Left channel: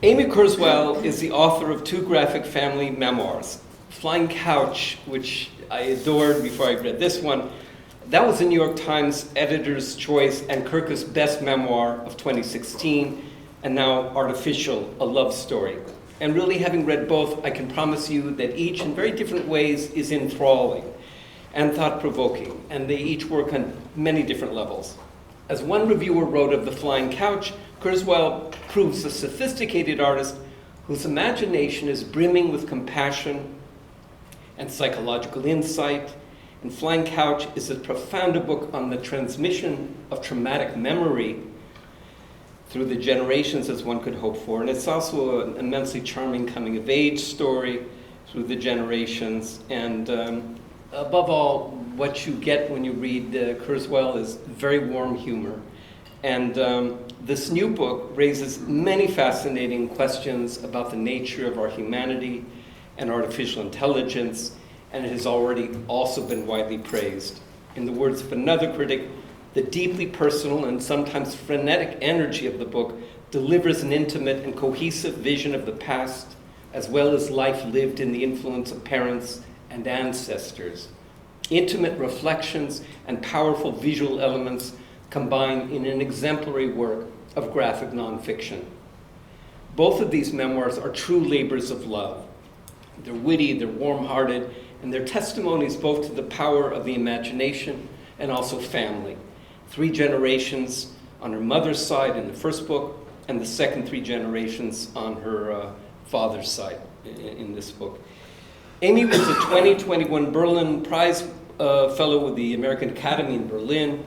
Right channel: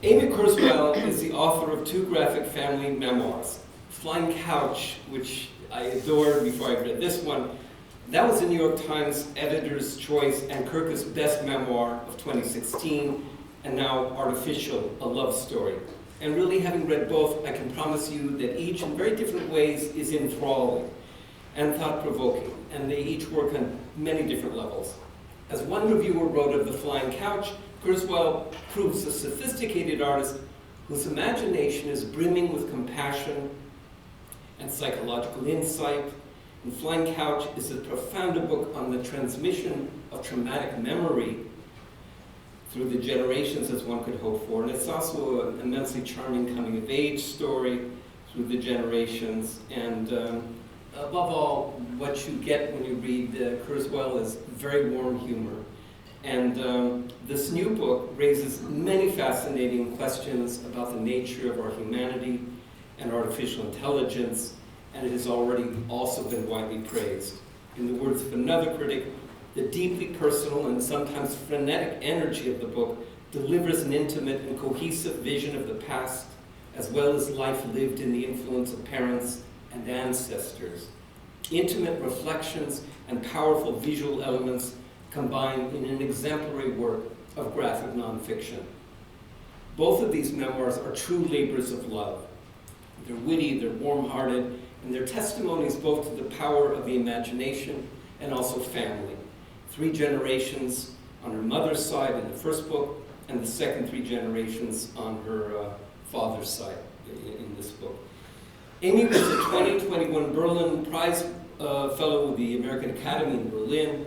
Amy Kurzweil is the author of 2 graphic family memoirs. Flying Couch, which I adored before I read this one, that was the New York Times Editor's Choice and Kirkus Best Memoir of 2016, and now Artificial, a Love Story. And really, having read both, I can promise you that each, in very different ways, is enthralling and thought-provoking, and they each work on many different levels. As one reviewer wrote of The Flying Couch, Kurzweil proves a sophisticated artist whose imagination is brimming with compassion and psychological insight. And Flying Couch is a profound book on the transmission of traumatic memory through the generations, as one could hope for. And it's also an immensely charming coming-of-age story through the generations. And above all, what you get when you read Kurzweil is very warm humor. And this new book raises many fascinating questions about the nature of our humanity and artificial intelligence, and it has already also been widely praised. In the words of another critic, the deeply personal and sometimes frenetic energy of the book delivers an intimate and cohesive vision of the past, as well as life lived in the influence of parents and ancestors. Intimate reflections and powerful visual elements combined in an exemplary work of graphic nonfiction. Both of these memoirs are true labors of love. They're witty, they're warm-hearted, and they're testimonies both to the power of the imagination and also family. 3 generations on her mother's side in the first book, and the second 3 generations on her father's side in this book. Amy was a 2021 Berlin Prize Fellow with the American Academy in Berlin,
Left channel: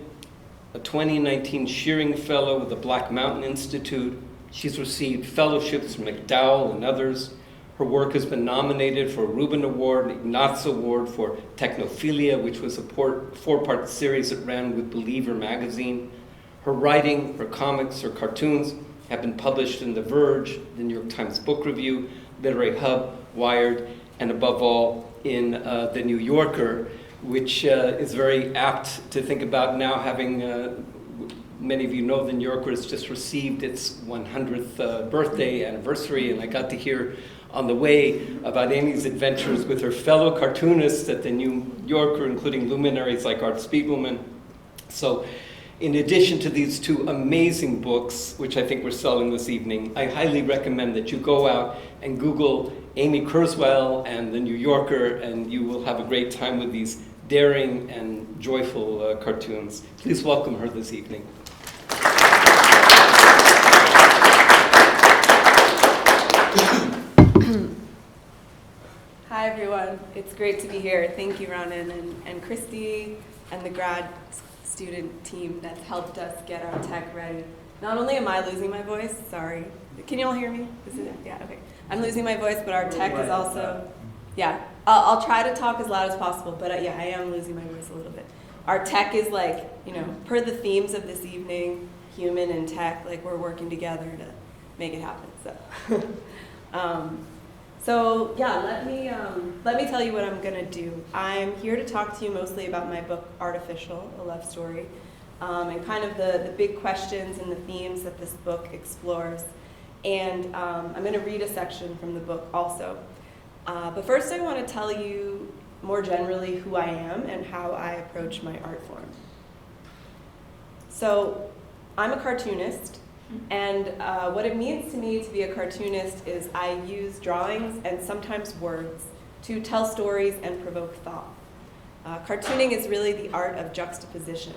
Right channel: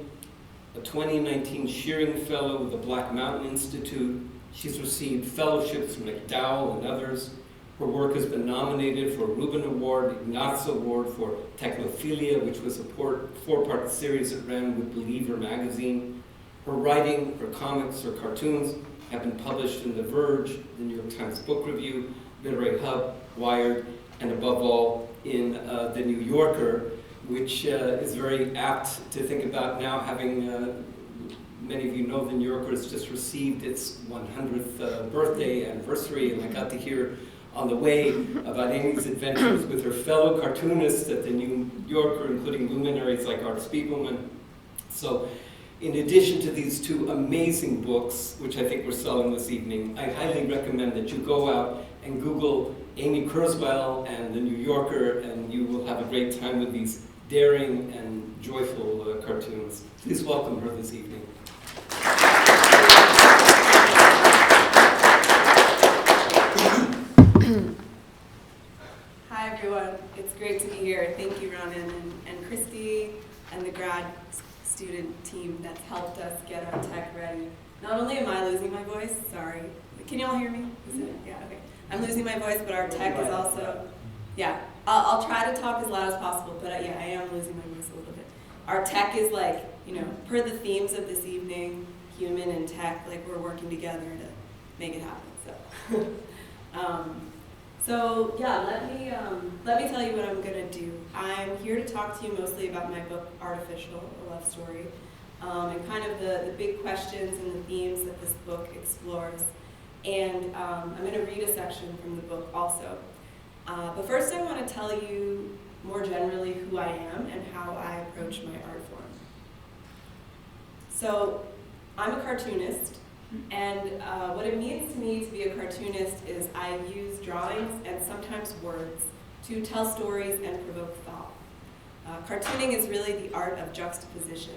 a 2019 Shearing Fellow with the Black Mountain Institute. She's received fellowships from Macdowell and others. Her work has been nominated for a Reuben Award, an Ignatz Award for Technofeelia, which was a 4-part series that ran with Believer magazine. Her writing, her comics, her cartoons have been published in The Verge, the New York Times Book Review, Literary Hub, Wired, and above all in The New Yorker, which is very apt to think about now, having, many of you know The New Yorker has just received its 100th birthday anniversary, and I got to hear on the way about Amy's adventures with her fellow cartoonists at The New Yorker, including luminaries like Art Spiegelman. So in addition to these 2 amazing books, which I think we're selling this evening, I highly recommend that you go out and Google Amy Kurzweil and The New Yorker, and you will have a great time with these daring and joyful cartoons. Please welcome her this evening. Hi everyone, it's great to be here. Thank you Ronan and Christy and the grad student team that's helped us get our tech ready. Not only am I losing my voice, sorry. Can you all hear me? Is it? Yeah, okay. I'm losing my voice, but our tech is also, yeah. I'll try to talk as loud as possible, but yeah, I am losing my voice a little bit. Our tech is like, per the themes of this evening, human and tech, like we're working together to make it happen, so. So yeah, let me tell you what I'm gonna do. I'm here to talk to you mostly about my book, Artificial, a Love Story, and kind of the big questions and the themes that this book explores. And I'm gonna read a section from the book also. But first I wanna tell you more generally who I am and how I approach my art form. So I'm a cartoonist. And what it means to me to be a cartoonist is I use drawings and sometimes words to tell stories and provoke thought. Cartooning is really the art of juxtaposition.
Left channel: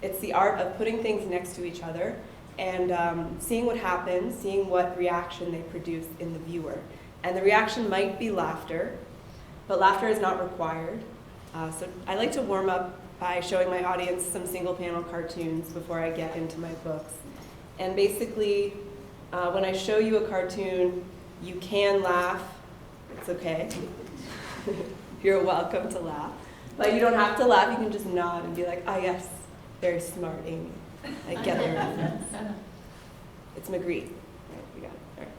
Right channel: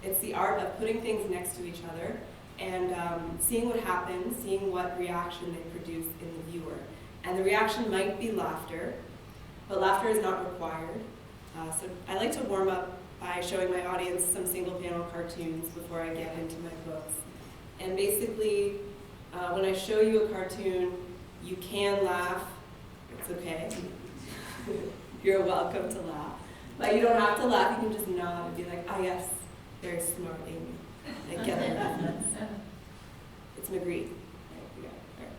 It's the art of putting things next to each other and seeing what happens, seeing what reaction they produce in the viewer. And the reaction might be laughter, but laughter is not required. So I like to warm up by showing my audience some single panel cartoons before I get into my books. And basically, when I show you a cartoon, you can laugh. It's okay. You're welcome to laugh. But you don't have to laugh. You can just nod and be like, ah, yes, very smart, Amy. I get the reference. It's Magritte. Right, you got it. All right.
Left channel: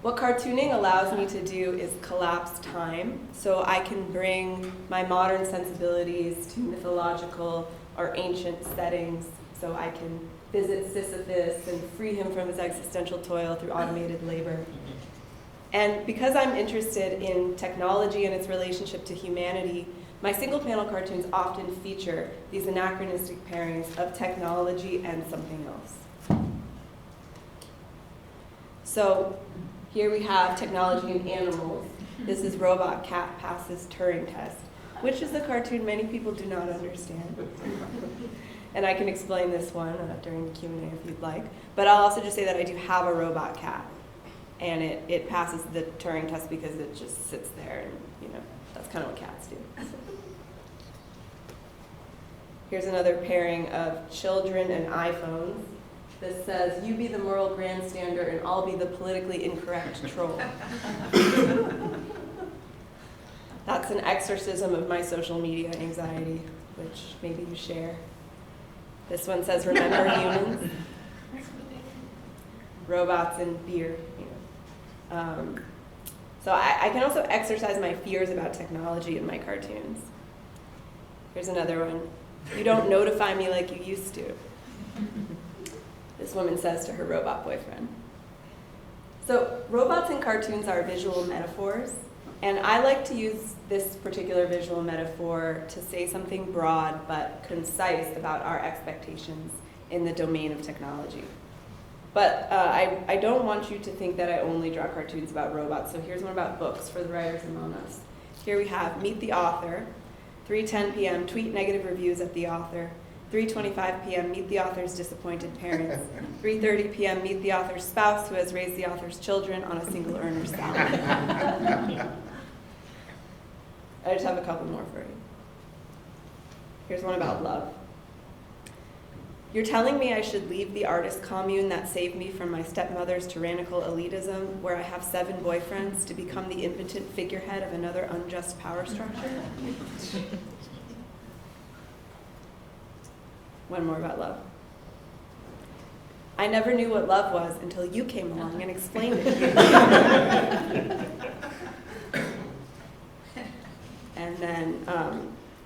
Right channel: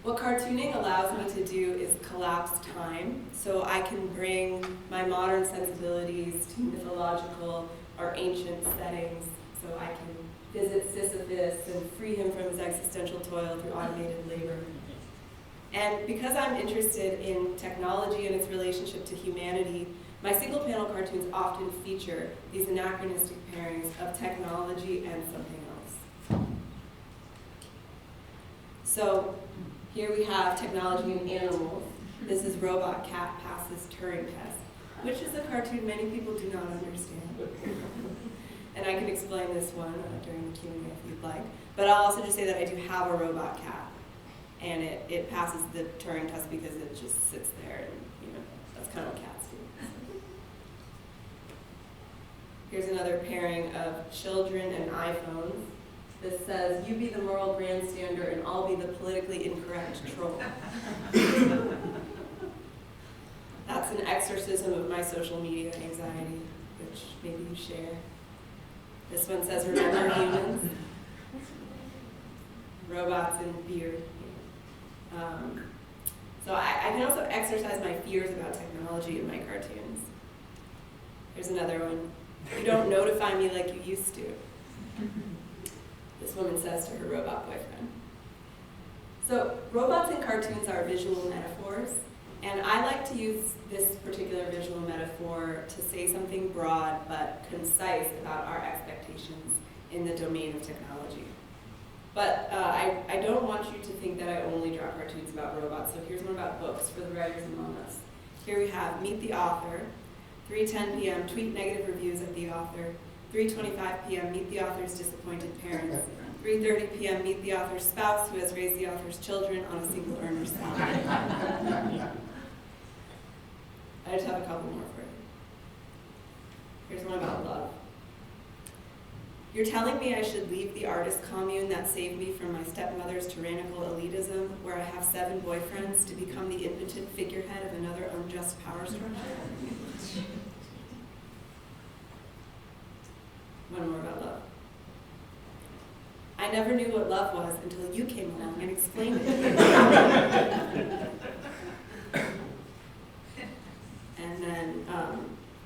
What cartooning allows me to do is collapse time, so I can bring my modern sensibilities to mythological or ancient settings, so I can visit Sisyphus and free him from his existential toil through automated labor. And because I'm interested in technology and its relationship to humanity, my single panel cartoons often feature these anachronistic pairings of technology and something else. So here we have technology and animals. This is Robot Cat Passes Turing Test, which is a cartoon many people do not understand. And I can explain this one during the Q&A if you'd like. But I'll also just say that I do have a robot cat. And it passes the Turing test because it just sits there, and that's kind of what cats do. So. Here's another pairing of children and iPhones. This says, "You be the moral grandstander and I'll be the politically incorrect troll." That's an exorcism of my social media anxiety, which maybe you share. This one says, "Remember humans?" Robots and beard. So I can also exercise my fears about technology in my cartoons. Here's another one. "You don't notify me like you used to." This woman says to her robot boyfriend. So robots in cartoons are visual metaphors, and I like to use this particular visual metaphor to say something broad but concise about our expectations in the domain of technology. But I don't want you to think that I only draw cartoons about robots, so here's one about books for the writers among us. Here we have Meet the Author, 3:10 p.m., tweet negative reviews at the author, 3:25 p.m., meet the author's disappointed parents, 3:30 p.m., meet the author's spouse who has raised the author's children on a single earner's salary. I just have a couple more for you. Here's one about love. "You're telling me I should leave the artist commune that saved me from my stepmother's tyrannical elitism, where I have 7 boyfriends, to become the impotent figurehead of another unjust power structure?" One more about love. "I never knew what love was until you came along and explained it." And then,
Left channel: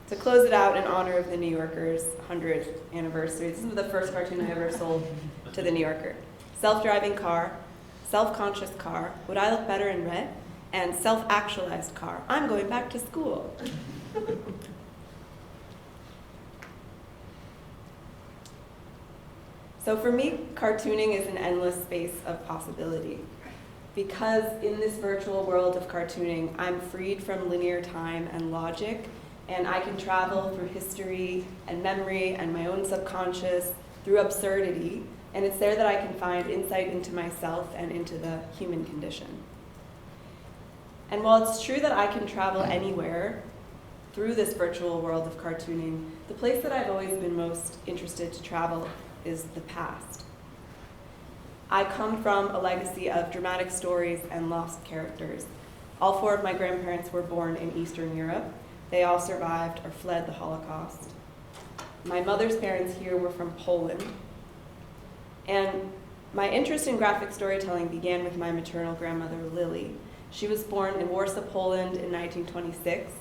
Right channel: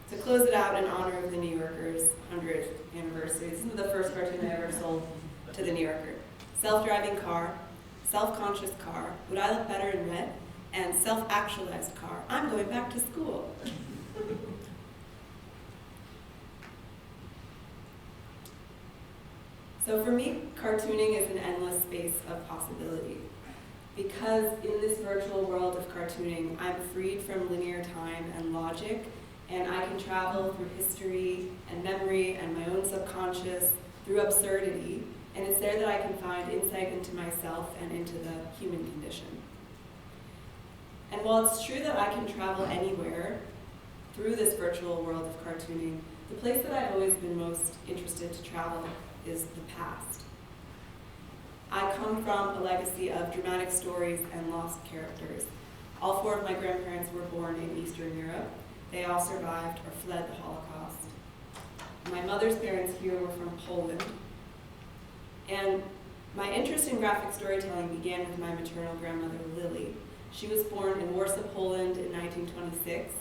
to close it out in honor of the New Yorker's 100th anniversary, this is the first cartoon I ever sold to the New Yorker. "Self-driving car, self-conscious car, would I look better in red? And self-actualized car, I'm going back to school." So for me, cartooning is an endless space of possibility. Because in this virtual world of cartooning, I'm freed from linear time and logic, and I can travel through history and memory and my own subconscious through absurdity, and it's there that I can find insight into myself and into the human condition. And while it's true that I can travel anywhere through this virtual world of cartooning, the place that I've always been most interested to travel is the past. I come from a legacy of dramatic stories and lost characters. All 4 of my grandparents were born in Eastern Europe. They all survived or fled the Holocaust. My mother's parents here were from Poland. And my interest in graphic storytelling began with my maternal grandmother, Lily. She was born in Warsaw, Poland in 1926.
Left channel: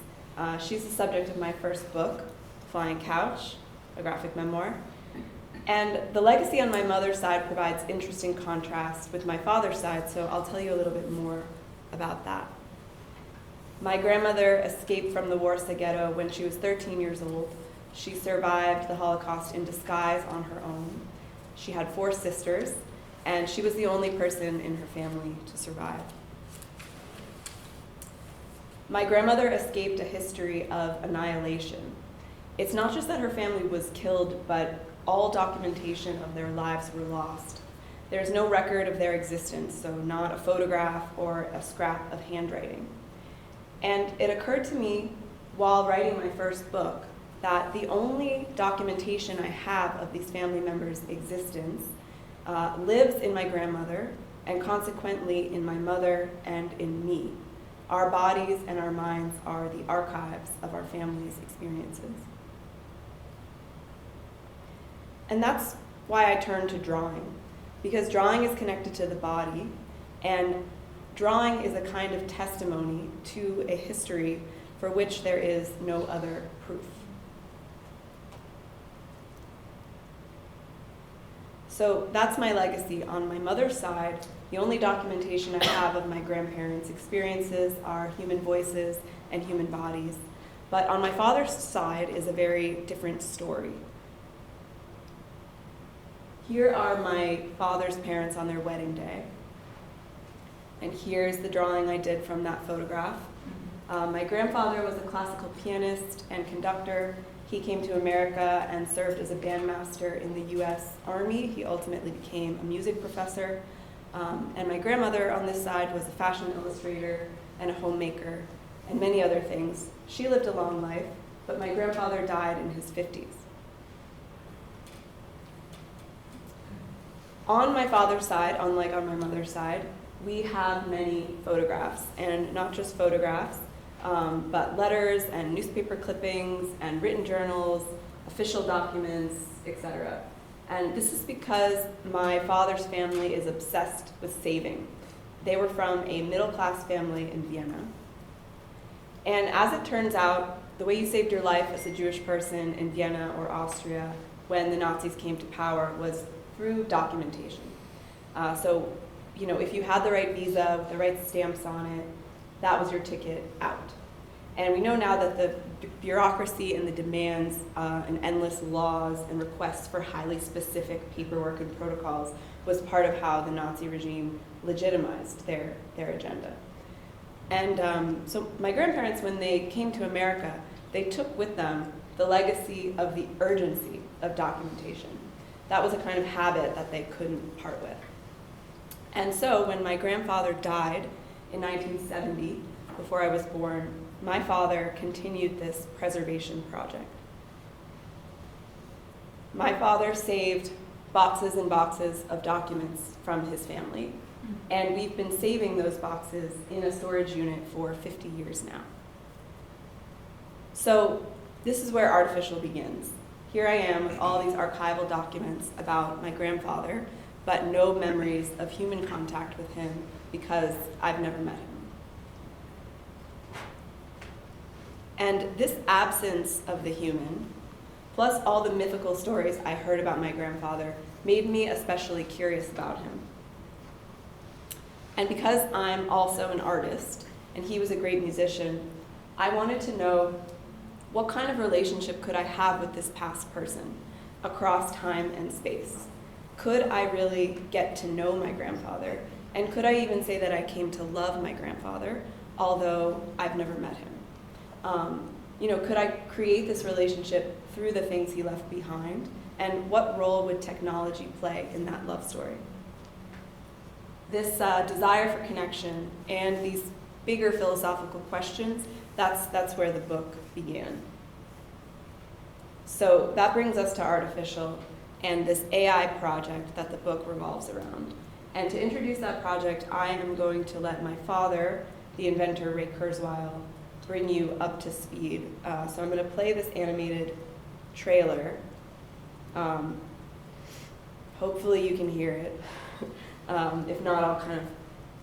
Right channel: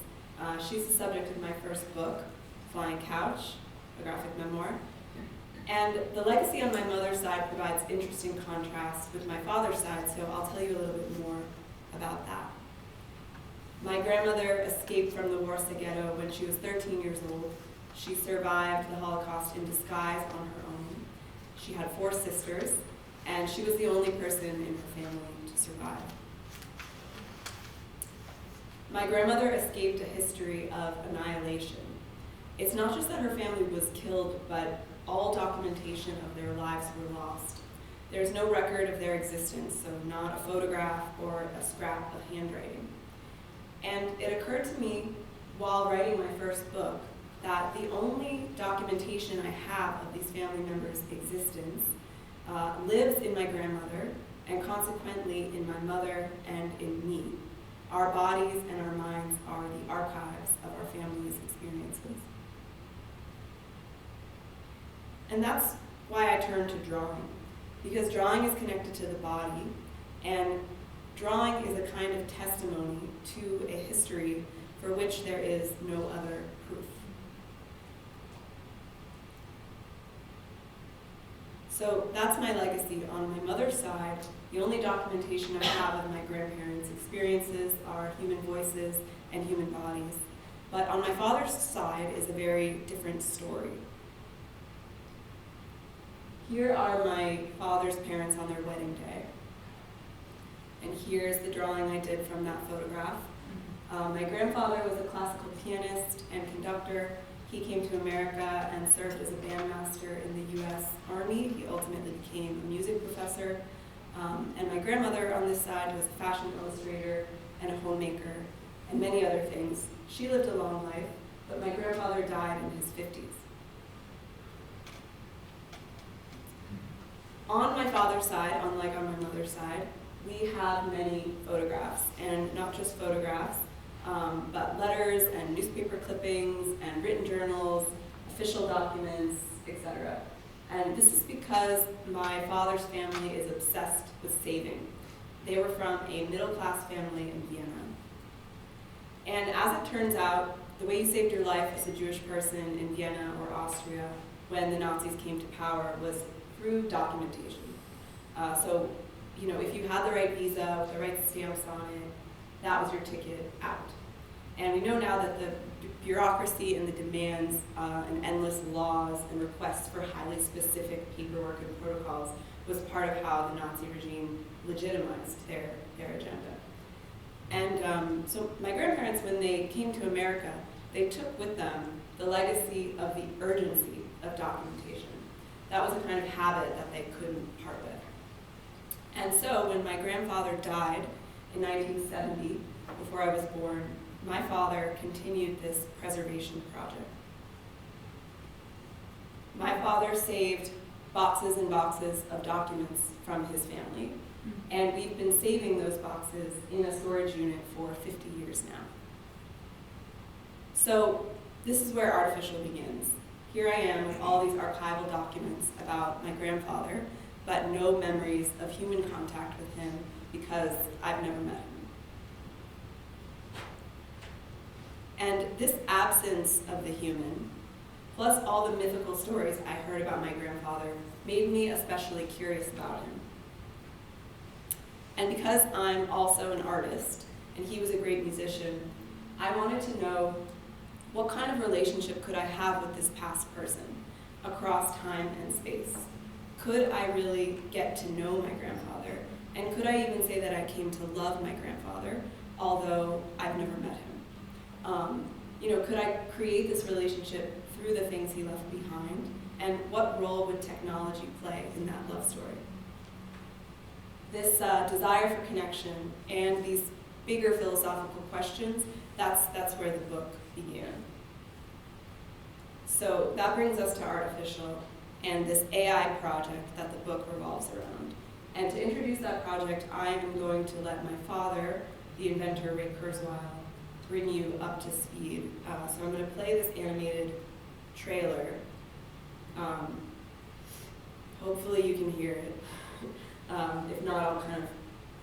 She's the subject of my first book, Flying Couch, a graphic memoir. And the legacy on my mother's side provides interesting contrast with my father's side, so I'll tell you a little bit more about that. My grandmother escaped from the Warsaw Ghetto when she was 13 years old. She survived the Holocaust in disguise on her own. She had 4 sisters, and she was the only person in her family to survive. My grandmother escaped a history of annihilation. It's not just that her family was killed, but all documentation of their lives were lost. There's no record of their existence, so not a photograph or a scrap of handwriting. And it occurred to me while writing my first book that the only documentation I have of these family members' existence lives in my grandmother, and consequently in my mother and in me. Our bodies and our minds are the archives of our family's experiences. And that's why I turned to drawing, because drawing is connected to the body, and drawing is a kind of testimony to a history for which there is no other proof. So that's my legacy. On my mother's side, the only documentation I have of my grandparents' experiences are human voices and human bodies. But on my father's side is a very different story. Here are my father's parents on their wedding day. And here's the drawing I did from that photograph. My grandfather was a classical pianist and conductor. He came to America and served as a bandmaster in the US Army. He ultimately became a music professor. And my grandmother on this side was a fashion illustrator and a homemaker and many other things. She lived a long life, but my grandfather died in his 50s. On my father's side, unlike on my mother's side, we have many photographs, and not just photographs, but letters and newspaper clippings and written journals, official documents, etc. And this is because my father's family is obsessed with saving. They were from a middle-class family in Vienna. And as it turns out, the way you saved your life as a Jewish person in Vienna or Austria when the Nazis came to power was through documentation. So, if you had the right visa with the right stamps on it, that was your ticket out. And we know now that the bureaucracy and the demands and endless laws and requests for highly specific paperwork and protocols was part of how the Nazi regime legitimized their agenda. And so my grandparents, when they came to America, they took with them the legacy of the urgency of documentation. That was a kind of habit that they couldn't part with. And so when my grandfather died in 1970, before I was born, my father continued this preservation project. My father saved boxes and boxes of documents from his family, and we've been saving those boxes in a storage unit for 50 years now. So this is where artificial begins. Here I am with all these archival documents about my grandfather, but no memories of human contact with him because I've never met him. And this absence of the human, plus all the mythical stories I heard about my grandfather, made me especially curious about him. And because I'm also an artist, and he was a great musician, I wanted to know what kind of relationship could I have with this past person across time and space? Could I really get to know my grandfather? And could I even say that I came to love my grandfather, although I've never met him? Could I create this relationship through the things he left behind? And what role would technology play in that love story? This desire for connection and these bigger philosophical questions, that's where the book began. So that brings us to artificial and this AI project that the book revolves around. And to introduce that project, I am going to let my father, the inventor Ray Kurzweil, bring you up to speed. So I'm going to play this animated trailer. Hopefully you can hear it. If not, I'll kind of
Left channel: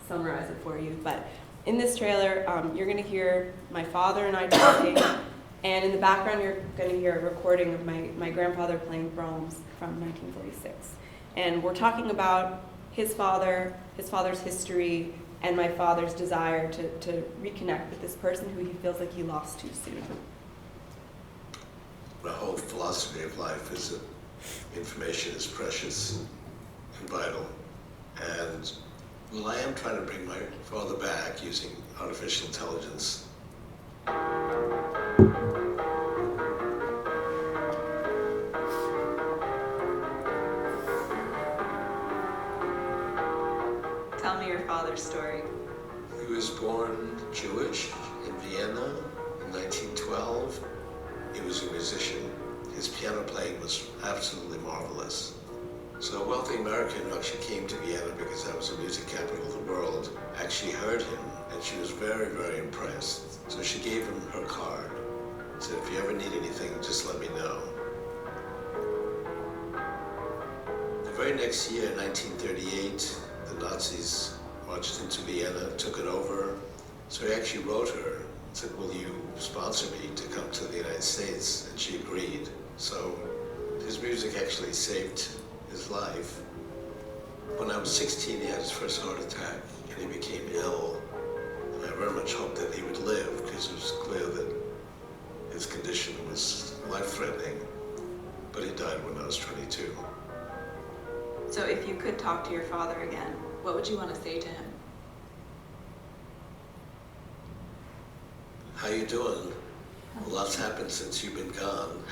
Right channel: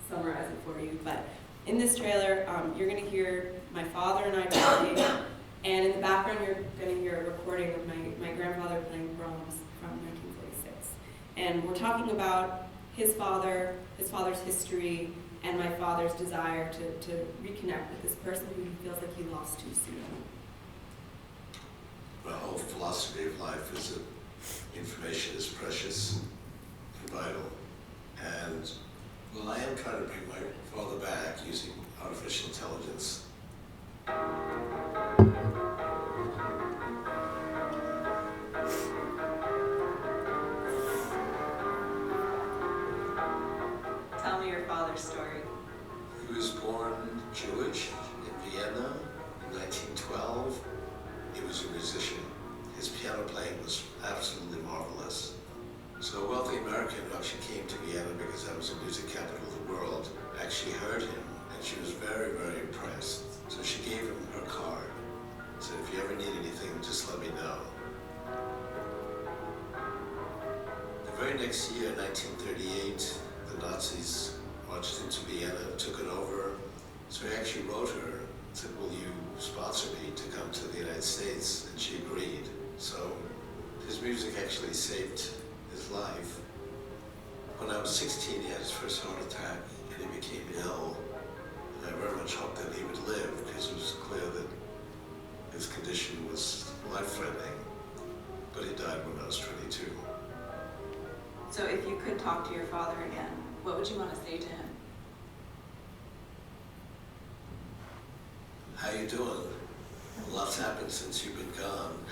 summarize it for you. But in this trailer, you're going to hear my father and I talking, and in the background you're going to hear a recording of my grandfather playing Brahms from 1946. And we're talking about his father's history, and my father's desire to reconnect with this person who he feels like he lost too soon. The whole philosophy of life is that information is precious and vital. And well, I am trying to bring my father back using artificial intelligence. Tell me your father's story. He was born Jewish in Vienna in 1912. He was a musician. His piano playing was absolutely marvelous. So a wealthy American who actually came to Vienna because that was the music capital of the world, actually heard him, and she was very, very impressed. So she gave him her card. Said, if you ever need anything, just let me know. The very next year, 1938, the Nazis marched into Vienna, took it over. So he actually wrote her, said, will you sponsor me to come to the United States? And she agreed. So his music actually saved his life. When I was 16, he had his first heart attack and he became ill. And I very much hoped that he would live because it was clear that his condition was life-threatening. But he died when I was 22. So if you could talk to your father again, what would you want to say to him? How you doing? A lot's happened since you've been gone.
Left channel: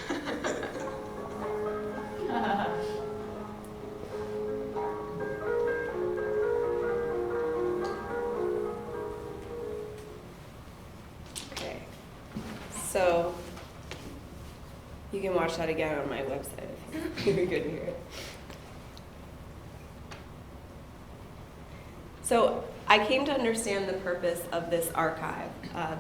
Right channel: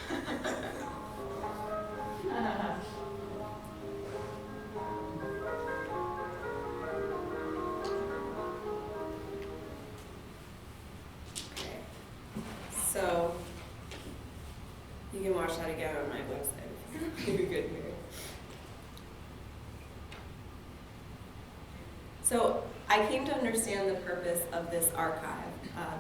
Okay, so you can watch that again on my website if you're good to hear it. So I came to understand the purpose of this archive,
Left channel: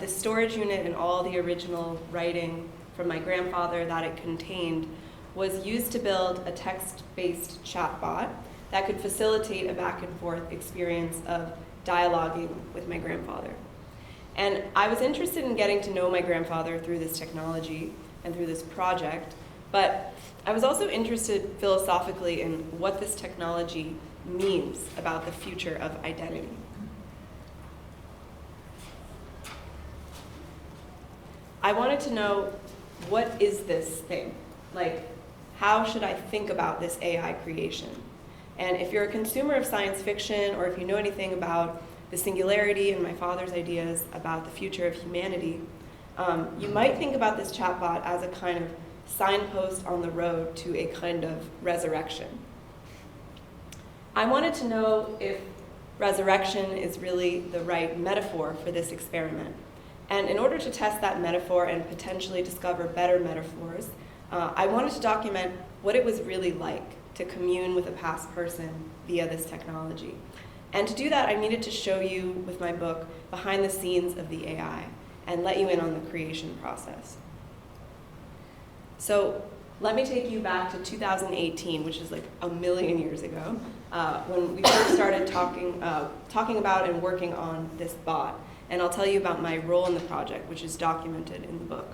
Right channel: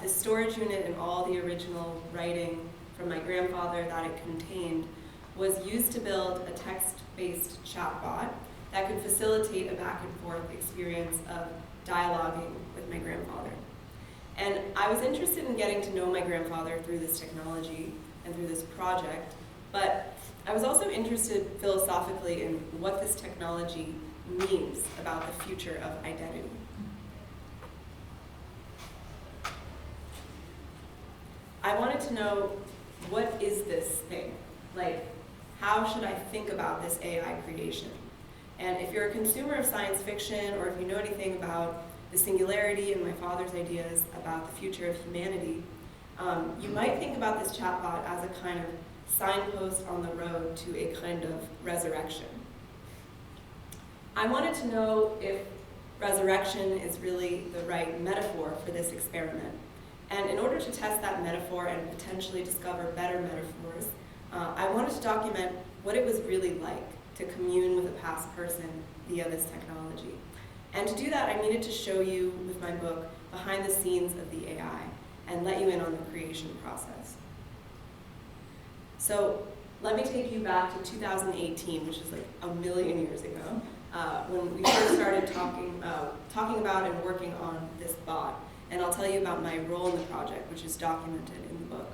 this storage unit and all the original writing from my grandfather that it contained was used to build a text-based chatbot that could facilitate a back and forth experience of dialoguing with my grandfather. And I was interested in getting to know my grandfather through this technology and through this project, but I was also interested philosophically in what this technology means about the future of identity. I wanted to know, what is this thing? Like, how should I think about this AI creation? And if you're a consumer of science fiction, or if you know anything about the singularity and my father's ideas about the future of humanity, you might think about this chatbot as a kind of signpost on the road to a kind of resurrection. I wanted to know if resurrection is really the right metaphor for this experiment. And in order to test that metaphor and potentially discover better metaphors, I wanted to document what it was really like to commune with a past person via this technology. And to do that, I needed to show you, with my book, behind the scenes of the AI and let you in on the creation process. So let me take you back to 2018, which is like a million years ago, when we first started talking about and working on this bot. And I'll tell you about my role in the project, which is documented in the book.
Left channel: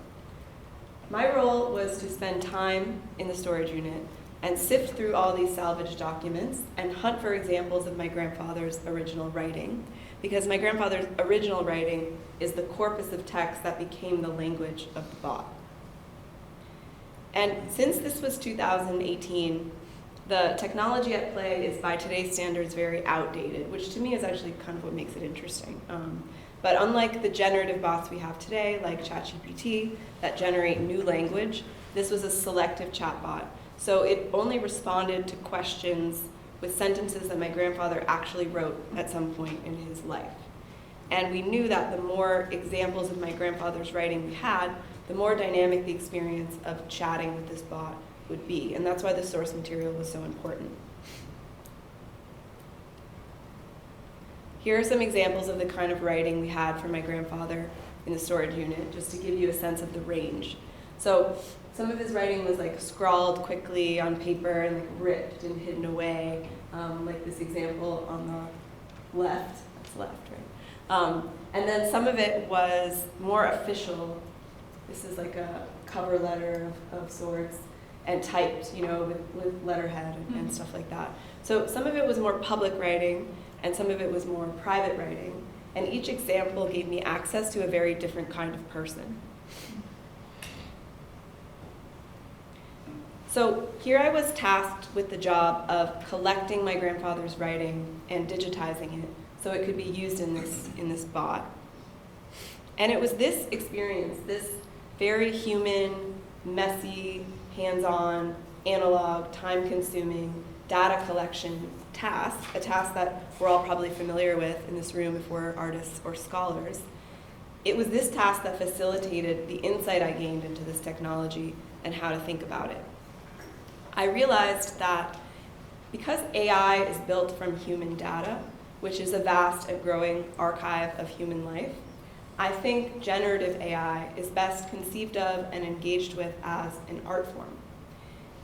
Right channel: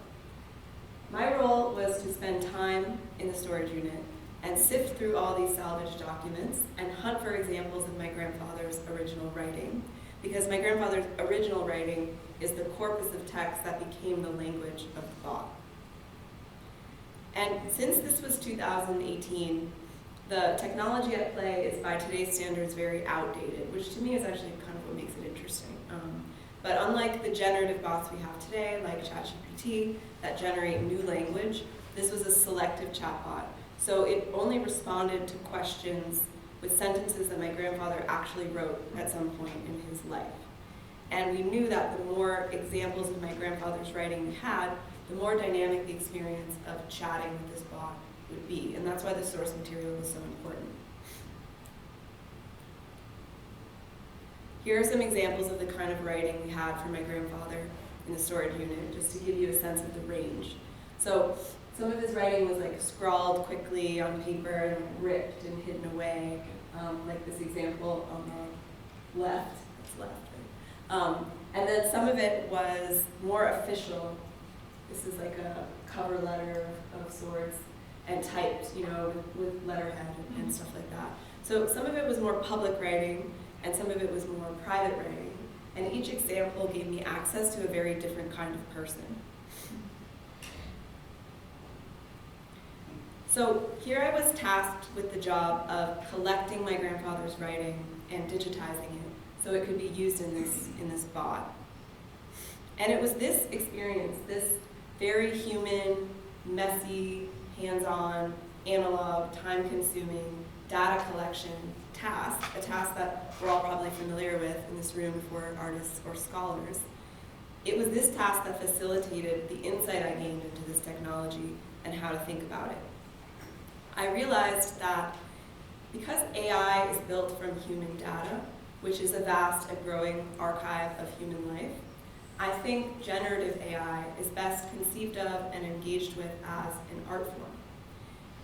My role was to spend time in the storage unit and sift through all these salvaged documents and hunt for examples of my grandfather's original writing, because my grandfather's original writing is the corpus of text that became the language of the bot. And since this was 2018, the technology at play is, by today's standards, very outdated, which to me is actually kind of what makes it interesting. But unlike the generative bots we have today, like ChatGPT, that generate new language, this was a selective chatbot. So it only responded to questions with sentences that my grandfather actually wrote at some point in his life. And we knew that the more examples of my grandfather's writing we had, the more dynamic the experience of chatting with this bot would be. And that's why the source material was so important. Here are some examples of the kind of writing we had from my grandfather in the storage unit, just to give you a sense of the range. So some of his writing was like scrawled quickly on paper and like ripped and hidden away, like this example on the left. That's left, right? And then some of it was more official. This is like a cover letter of sorts, and typed, with letterhead and stuff like that. So some of it was more public writing, and some of it was more private writing. And each example gave me access to a very different kind of person. So here I was tasked with the job of collecting my grandfather's writing and digitizing it so it could be used in this bot. And it was this experience, this very human, messy, hands-on, analog, time-consuming data collection task, a task that we're all probably familiar with in this room if we're artists or scholars. It was this task that facilitated the insight I gained into this technology and how to think about it. I realized that because AI is built from human data, which is a vast and growing archive of human life, I think generative AI is best conceived of and engaged with as an art form.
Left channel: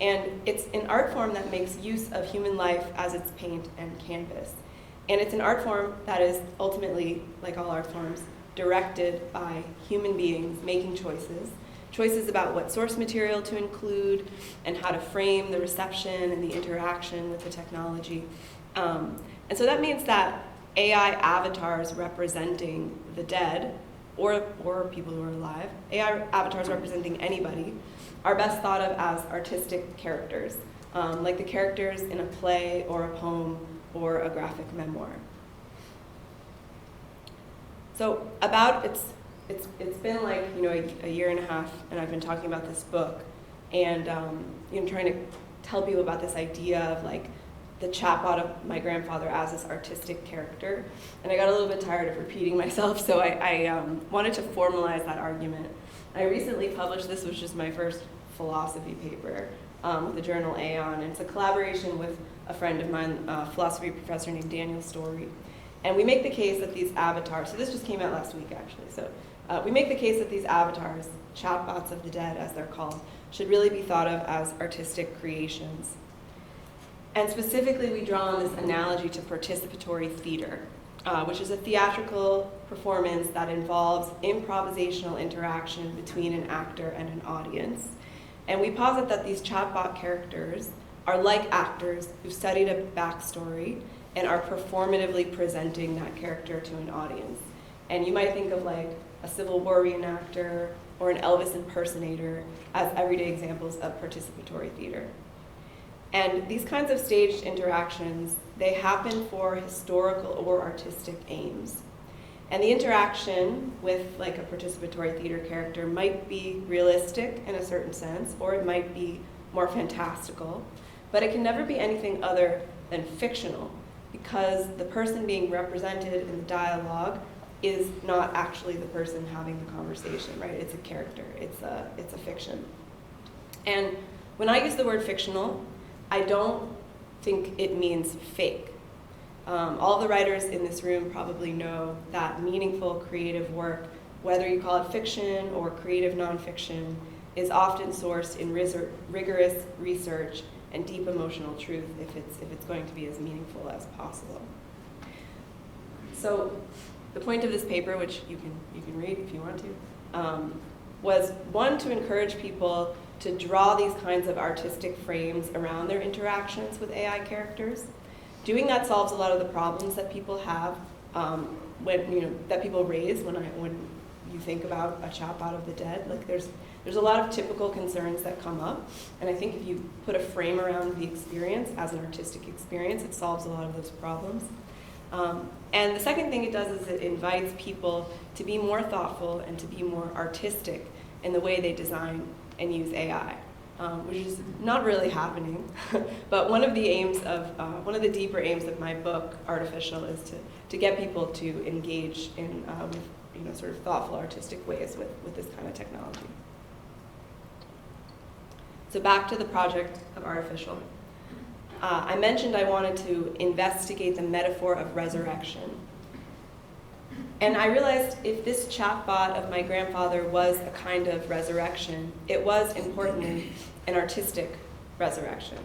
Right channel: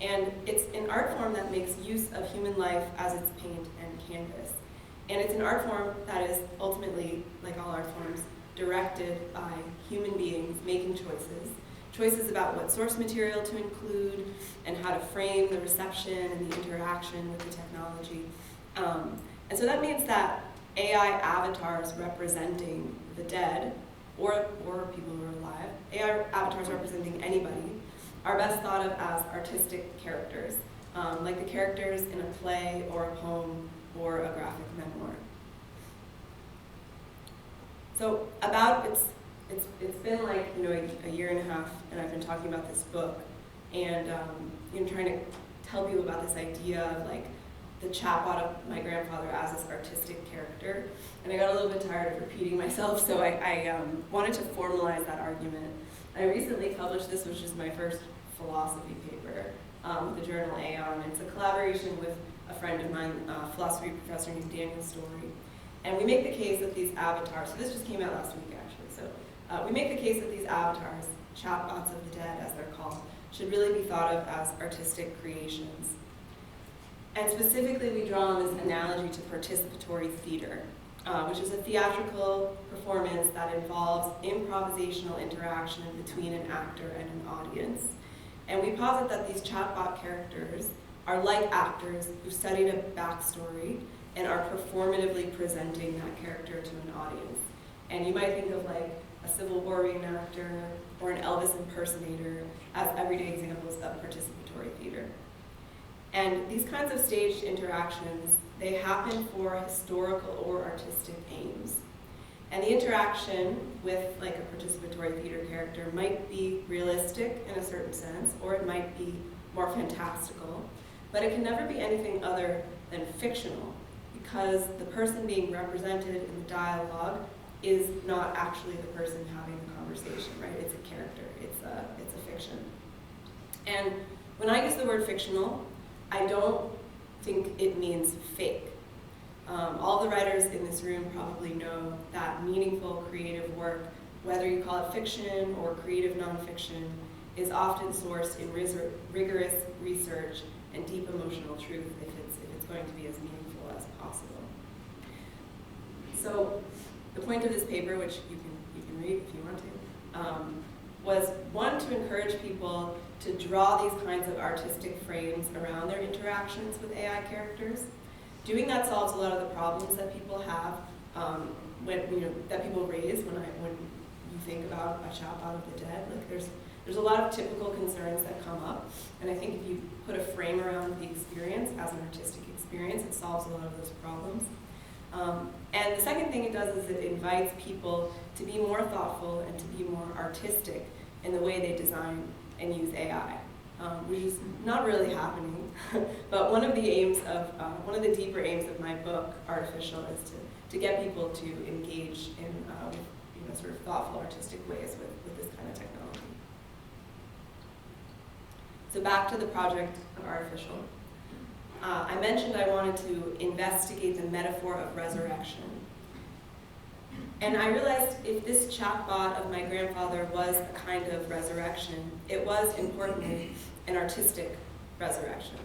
And it's an art form that makes use of human life as its paint and canvas. And it's an art form that is ultimately, like all art forms, directed by human beings making choices choices about what source material to include and how to frame the reception and the interaction with the technology. And so that means that AI avatars representing the dead, or people who are alive, AI avatars representing anybody, are best thought of as artistic characters, like the characters in a play or a poem or a graphic memoir. So it's been like, you know, a year and a half, and I've been talking about this book, and you know, trying to tell people about this idea of like the chatbot of my grandfather as this artistic character, and I got a little bit tired of repeating myself, so I wanted to formalize that argument. I recently published, this was just my first philosophy paper with the journal Aeon. It's a collaboration with a friend of mine, a philosophy professor named Daniel Story. And we make the case that these avatars, so this just came out last week actually, so we make the case that these avatars, chatbots of the dead as they're called, should really be thought of as artistic creations. And specifically we draw on this analogy to participatory theater, which is a theatrical performance that involves improvisational interaction between an actor and an audience. And we posit that these chatbot characters are like actors who've studied a backstory and are performatively presenting that character to an audience. And you might think of like a Civil War reenactor or an Elvis impersonator as everyday examples of participatory theater. And these kinds of staged interactions, they happen for historical or artistic aims. And the interaction with like a participatory theater character might be realistic in a certain sense, or it might be more fantastical, but it can never be anything other than fictional, because the person being represented in the dialogue is not actually the person having the conversation, right? It's a character, it's a fiction. And when I use the word fictional, I don't think it means fake. All the writers in this room probably know that meaningful creative work, whether you call it fiction or creative nonfiction, is often sourced in rigorous research and deep emotional truth if it's going to be as meaningful as possible. So the point of this paper, which you can read if you want to, was one, to encourage people to draw these kinds of artistic frames around their interactions with AI characters. Doing that solves a lot of the problems that people have, that people raise when you think about a chatbot of the dead. Like there's a lot of typical concerns that come up, and I think if you put a frame around the experience as an artistic experience, it solves a lot of those problems. And the second thing it does is it invites people to be more thoughtful and to be more artistic in the way they design and use AI, which is not really happening. But one of the deeper aims of my book, Artificial, is to get people to engage in with sort of thoughtful, artistic ways with this kind of technology. So back to the project of Artificial. I mentioned I wanted to investigate the metaphor of resurrection. And I realized if this chatbot of my grandfather was a kind of resurrection, it was, importantly, an artistic resurrection.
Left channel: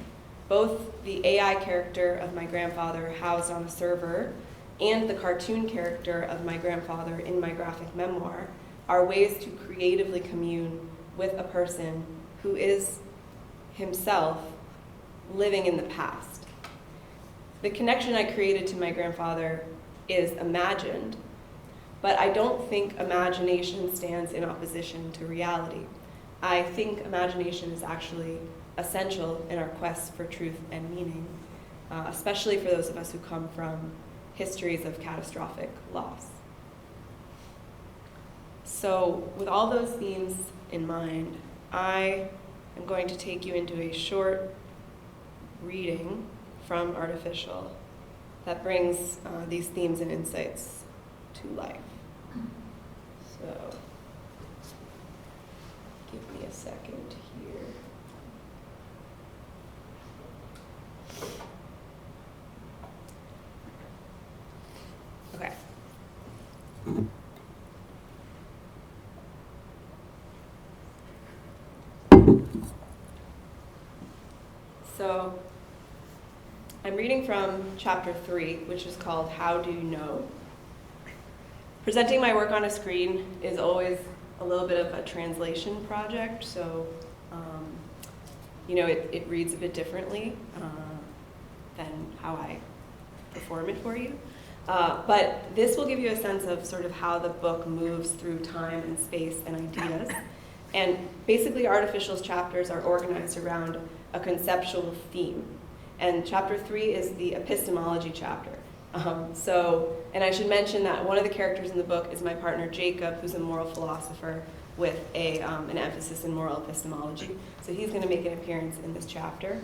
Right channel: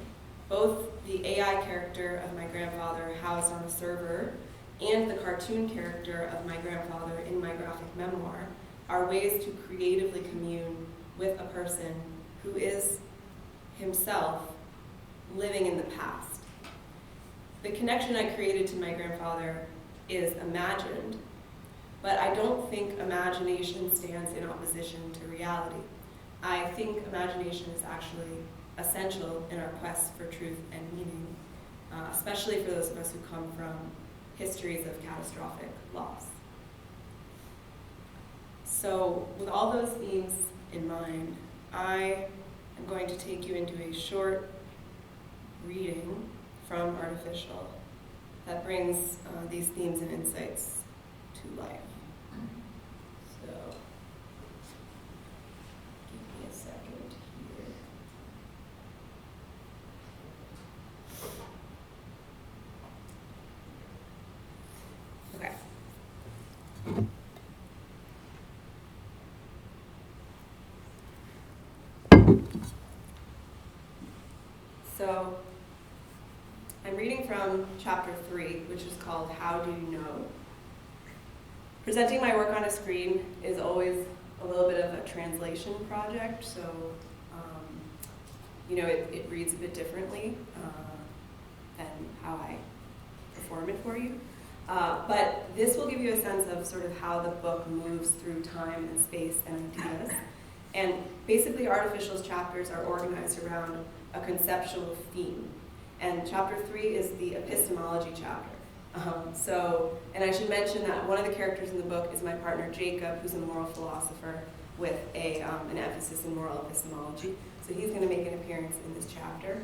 Both the AI character of my grandfather housed on a server and the cartoon character of my grandfather in my graphic memoir are ways to creatively commune with a person who is himself living in the past. The connection I created to my grandfather is imagined, but I don't think imagination stands in opposition to reality. I think imagination is actually essential in our quest for truth and meaning, especially for those of us who come from histories of catastrophic loss. So with all those themes in mind, I am going to take you into a short reading from Artificial that brings these themes and insights to life. So, give me a second here. Okay. So, I'm reading from chapter 3, which is called How Do You Know? Presenting my work on a screen is always a little bit of a translation project, so it reads a bit differently than how I perform it for you. But this will give you a sense of sort of how the book moves through time and space and ideas. And basically, Artificial's chapters are organized around a conceptual theme. And chapter 3 is the epistemology chapter. And I should mention that one of the characters in the book is my partner Jacob, who's a moral philosopher with an emphasis in moral epistemology. So he's going to make an appearance in this chapter.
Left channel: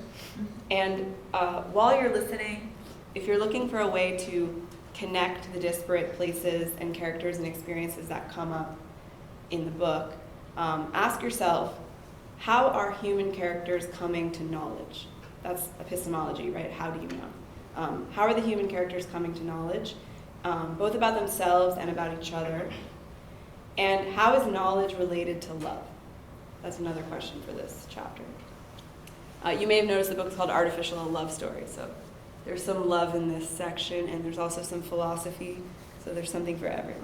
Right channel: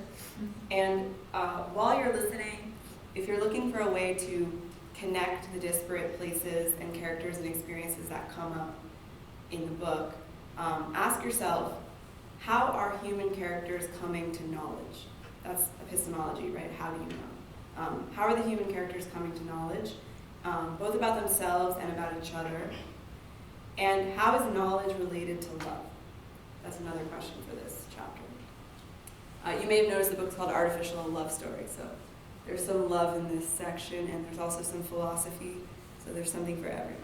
And while you're listening, if you're looking for a way to connect the disparate places and characters and experiences that come up in the book, ask yourself, how are human characters coming to knowledge? That's epistemology, right? How do you know? How are the human characters coming to knowledge, both about themselves and about each other? And how is knowledge related to love? That's another question for this chapter. You may have noticed the book is called Artificial, a Love Story. So there's some love in this section, and there's also some philosophy. So there's something for everyone.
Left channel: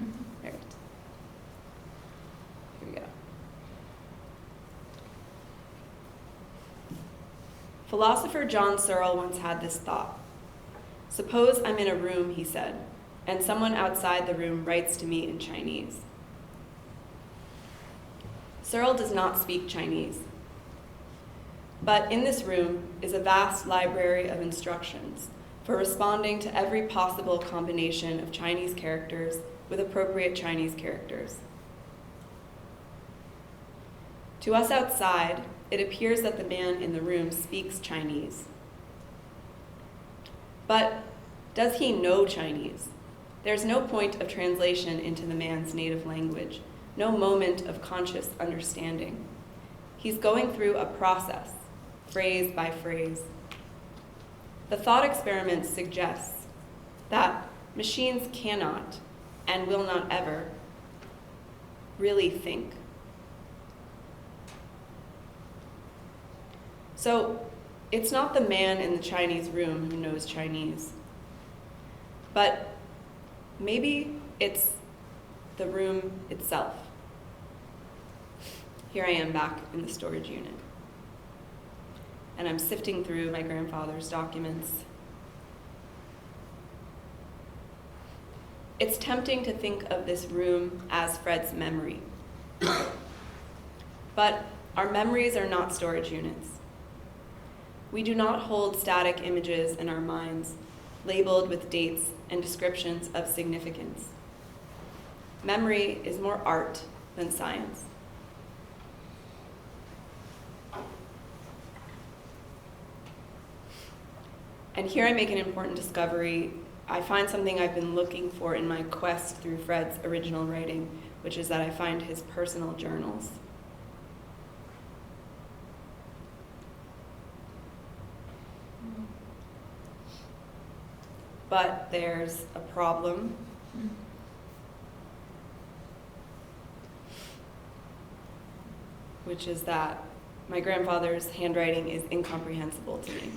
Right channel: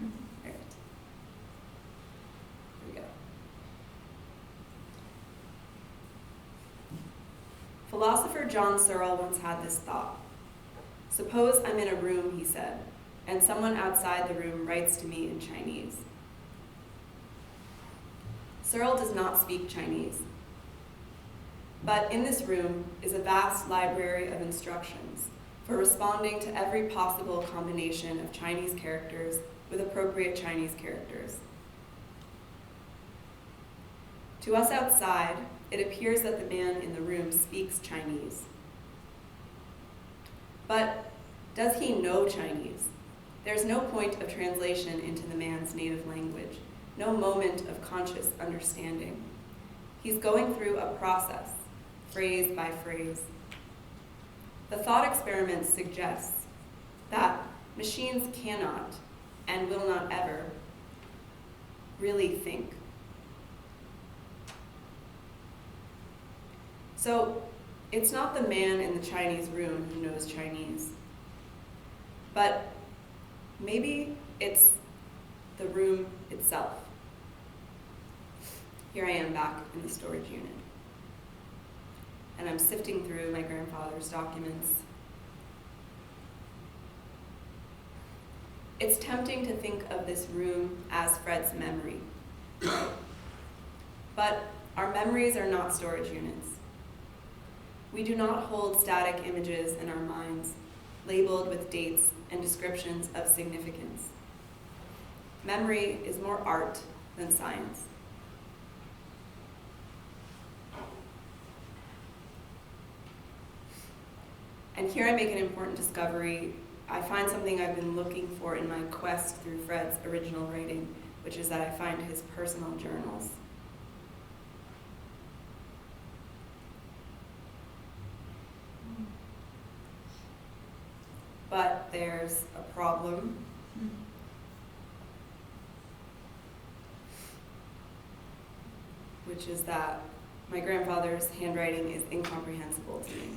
All right. Here we go. Philosopher John Searle once had this thought. Suppose I'm in a room, he said, and someone outside the room writes to me in Chinese. Searle does not speak Chinese, but in this room is a vast library of instructions for responding to every possible combination of Chinese characters with appropriate Chinese characters. To us outside, it appears that the man in the room speaks Chinese. But does he know Chinese? There's no point of translation into the man's native language, no moment of conscious understanding. He's going through a process, phrase by phrase. The thought experiment suggests that machines cannot and will not ever really think. So it's not the man in the Chinese room who knows Chinese, but maybe it's the room itself. Here I am back in the storage unit, and I'm sifting through my grandfather's documents. It's tempting to think of this room as Fred's memory, but our memories are not storage units. We do not hold static images in our minds, labeled with dates and descriptions of significance. Memory is more art than science. And here I make an important discovery. I find something I've been looking for in my quest through Fred's original writing, which is that I find his personal journals. But there's a problem. Which is that my grandfather's handwriting is incomprehensible to me.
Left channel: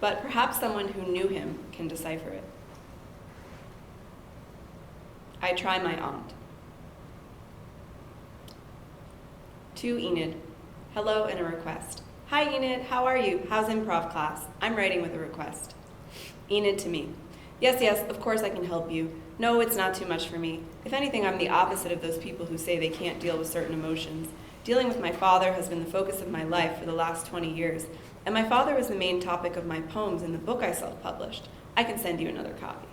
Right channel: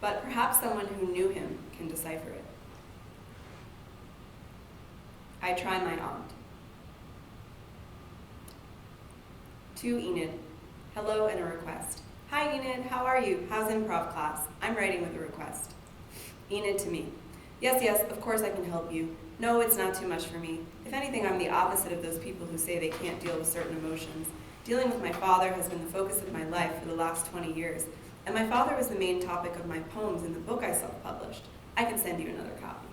But perhaps someone who knew him can decipher it. I try my aunt. To Enid, hello and a request. Hi Enid, how are you? How's improv class? I'm writing with a request. Enid to me. Yes, of course I can help you. No, it's not too much for me. If anything, I'm the opposite of those people who say they can't deal with certain emotions. Dealing with my father has been the focus of my life for the last 20 years, and my father was the main topic of my poems in the book I self-published. I can send you another copy.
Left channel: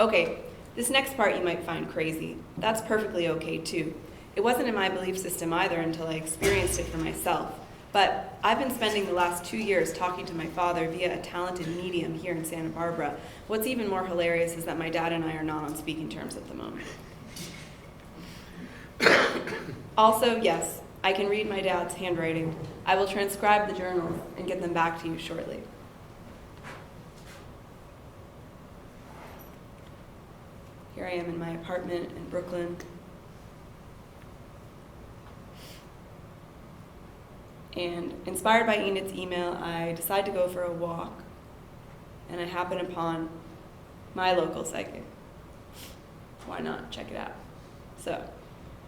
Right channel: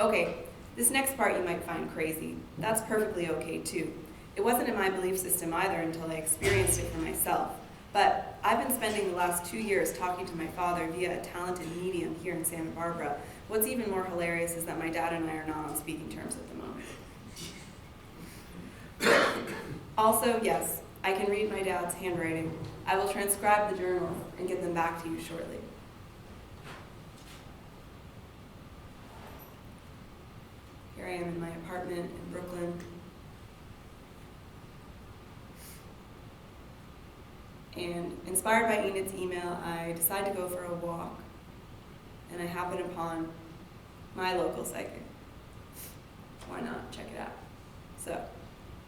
Okay, this next part you might find crazy. That's perfectly okay too. It wasn't in my belief system either until I experienced it for myself. But I've been spending the last 2 years talking to my father via a talented medium here in Santa Barbara. What's even more hilarious is that my dad and I are not on speaking terms at the moment. Also, yes, I can read my dad's handwriting. I will transcribe the journals and get them back to you shortly. Here I am in my apartment in Brooklyn. And inspired by Enid's email, I decide to go for a walk. And I happen upon my local psychic. Why not? Check it out. So,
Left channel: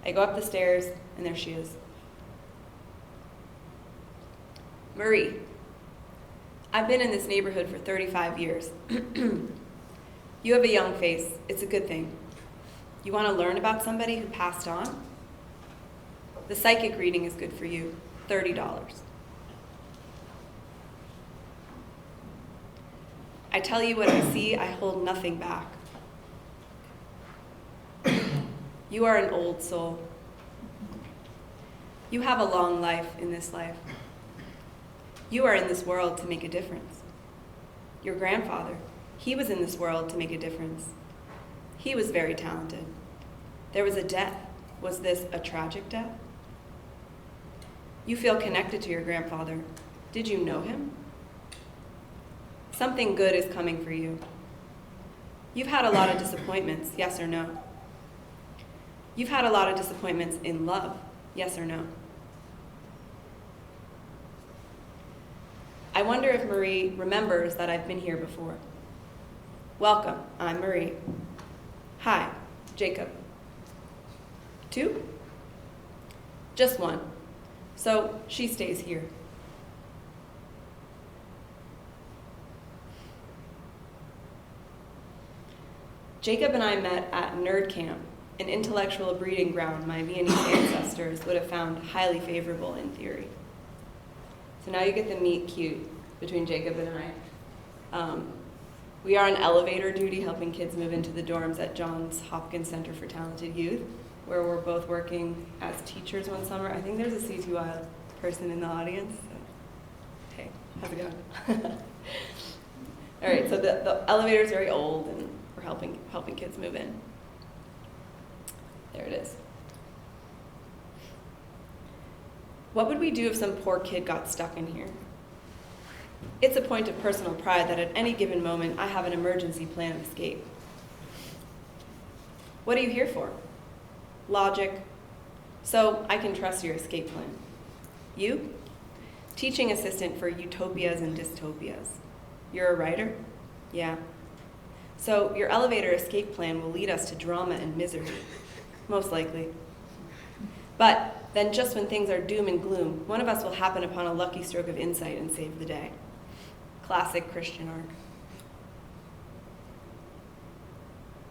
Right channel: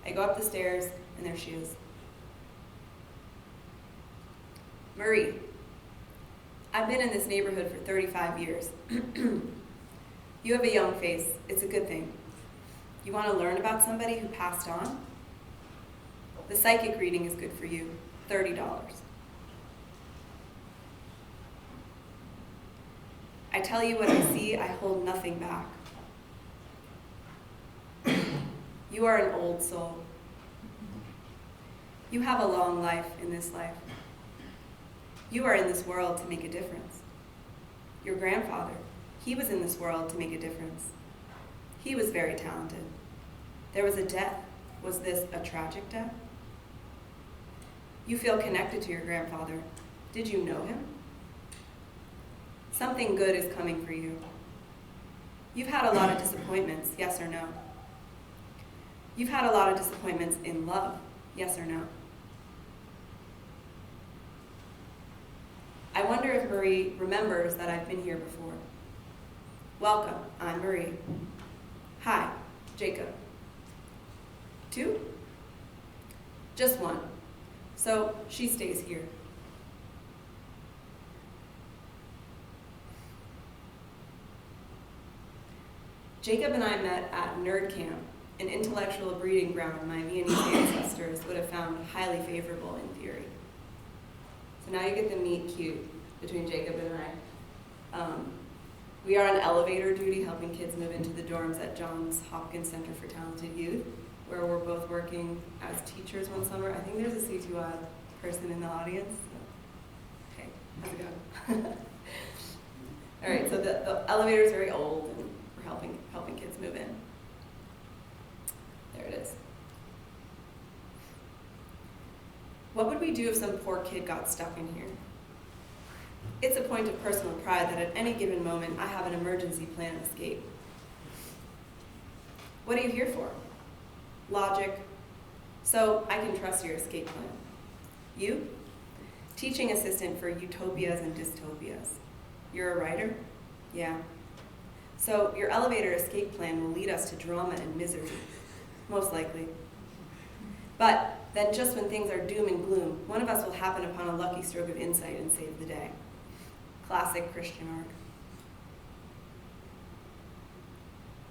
I go up the stairs, and there she is. Marie, I've been in this neighborhood for 35 years. You have a young face. It's a good thing. You want to learn about somebody who passed on? The psychic reading is good for you. $30. I tell you what I see, I hold nothing back. You are an old soul. You have a long life in this life. You are in this world to make a difference. Your grandfather, he was in this world to make a difference. He was very talented. There was a death. Was this a tragic death? You feel connected to your grandfather. Did you know him? Something good is coming for you. You've had a lot of disappointments, yes or no? You've had a lot of disappointments in love, yes or no? I wonder if Marie remembers that I've been here before. Welcome, I'm Marie. Hi, Jacob. 2? Just 1. So she stays here. Jacob and I met at Nerd Camp, an intellectual breeding ground my Viennese ancestors would have found highly favorable in theory. So now you get the meet cute between Jacob and I. We are on elevator duty helping kids move into the dorms at Johns Hopkins Center for Talented Youth, where we're both working as teachers one summer. I think there's a C2I person in the audience. So, hey, how's it going? All right, so the elevator is very old, and we're helping kids move in. There it is. What would we do if some poor kid got stuck in here? It's a point of personal pride that at any given moment I have an emergency plan of escape. What are you here for? Logic. So I can trust your escape plan. You? Teaching assistant for utopias and dystopias. You're a writer? Yeah. So your elevator escape plan will lead us to drama and misery, most likely. But then just when things are doom and gloom, one of us will happen upon a lucky stroke of insight and save the day. Classic Christian arc.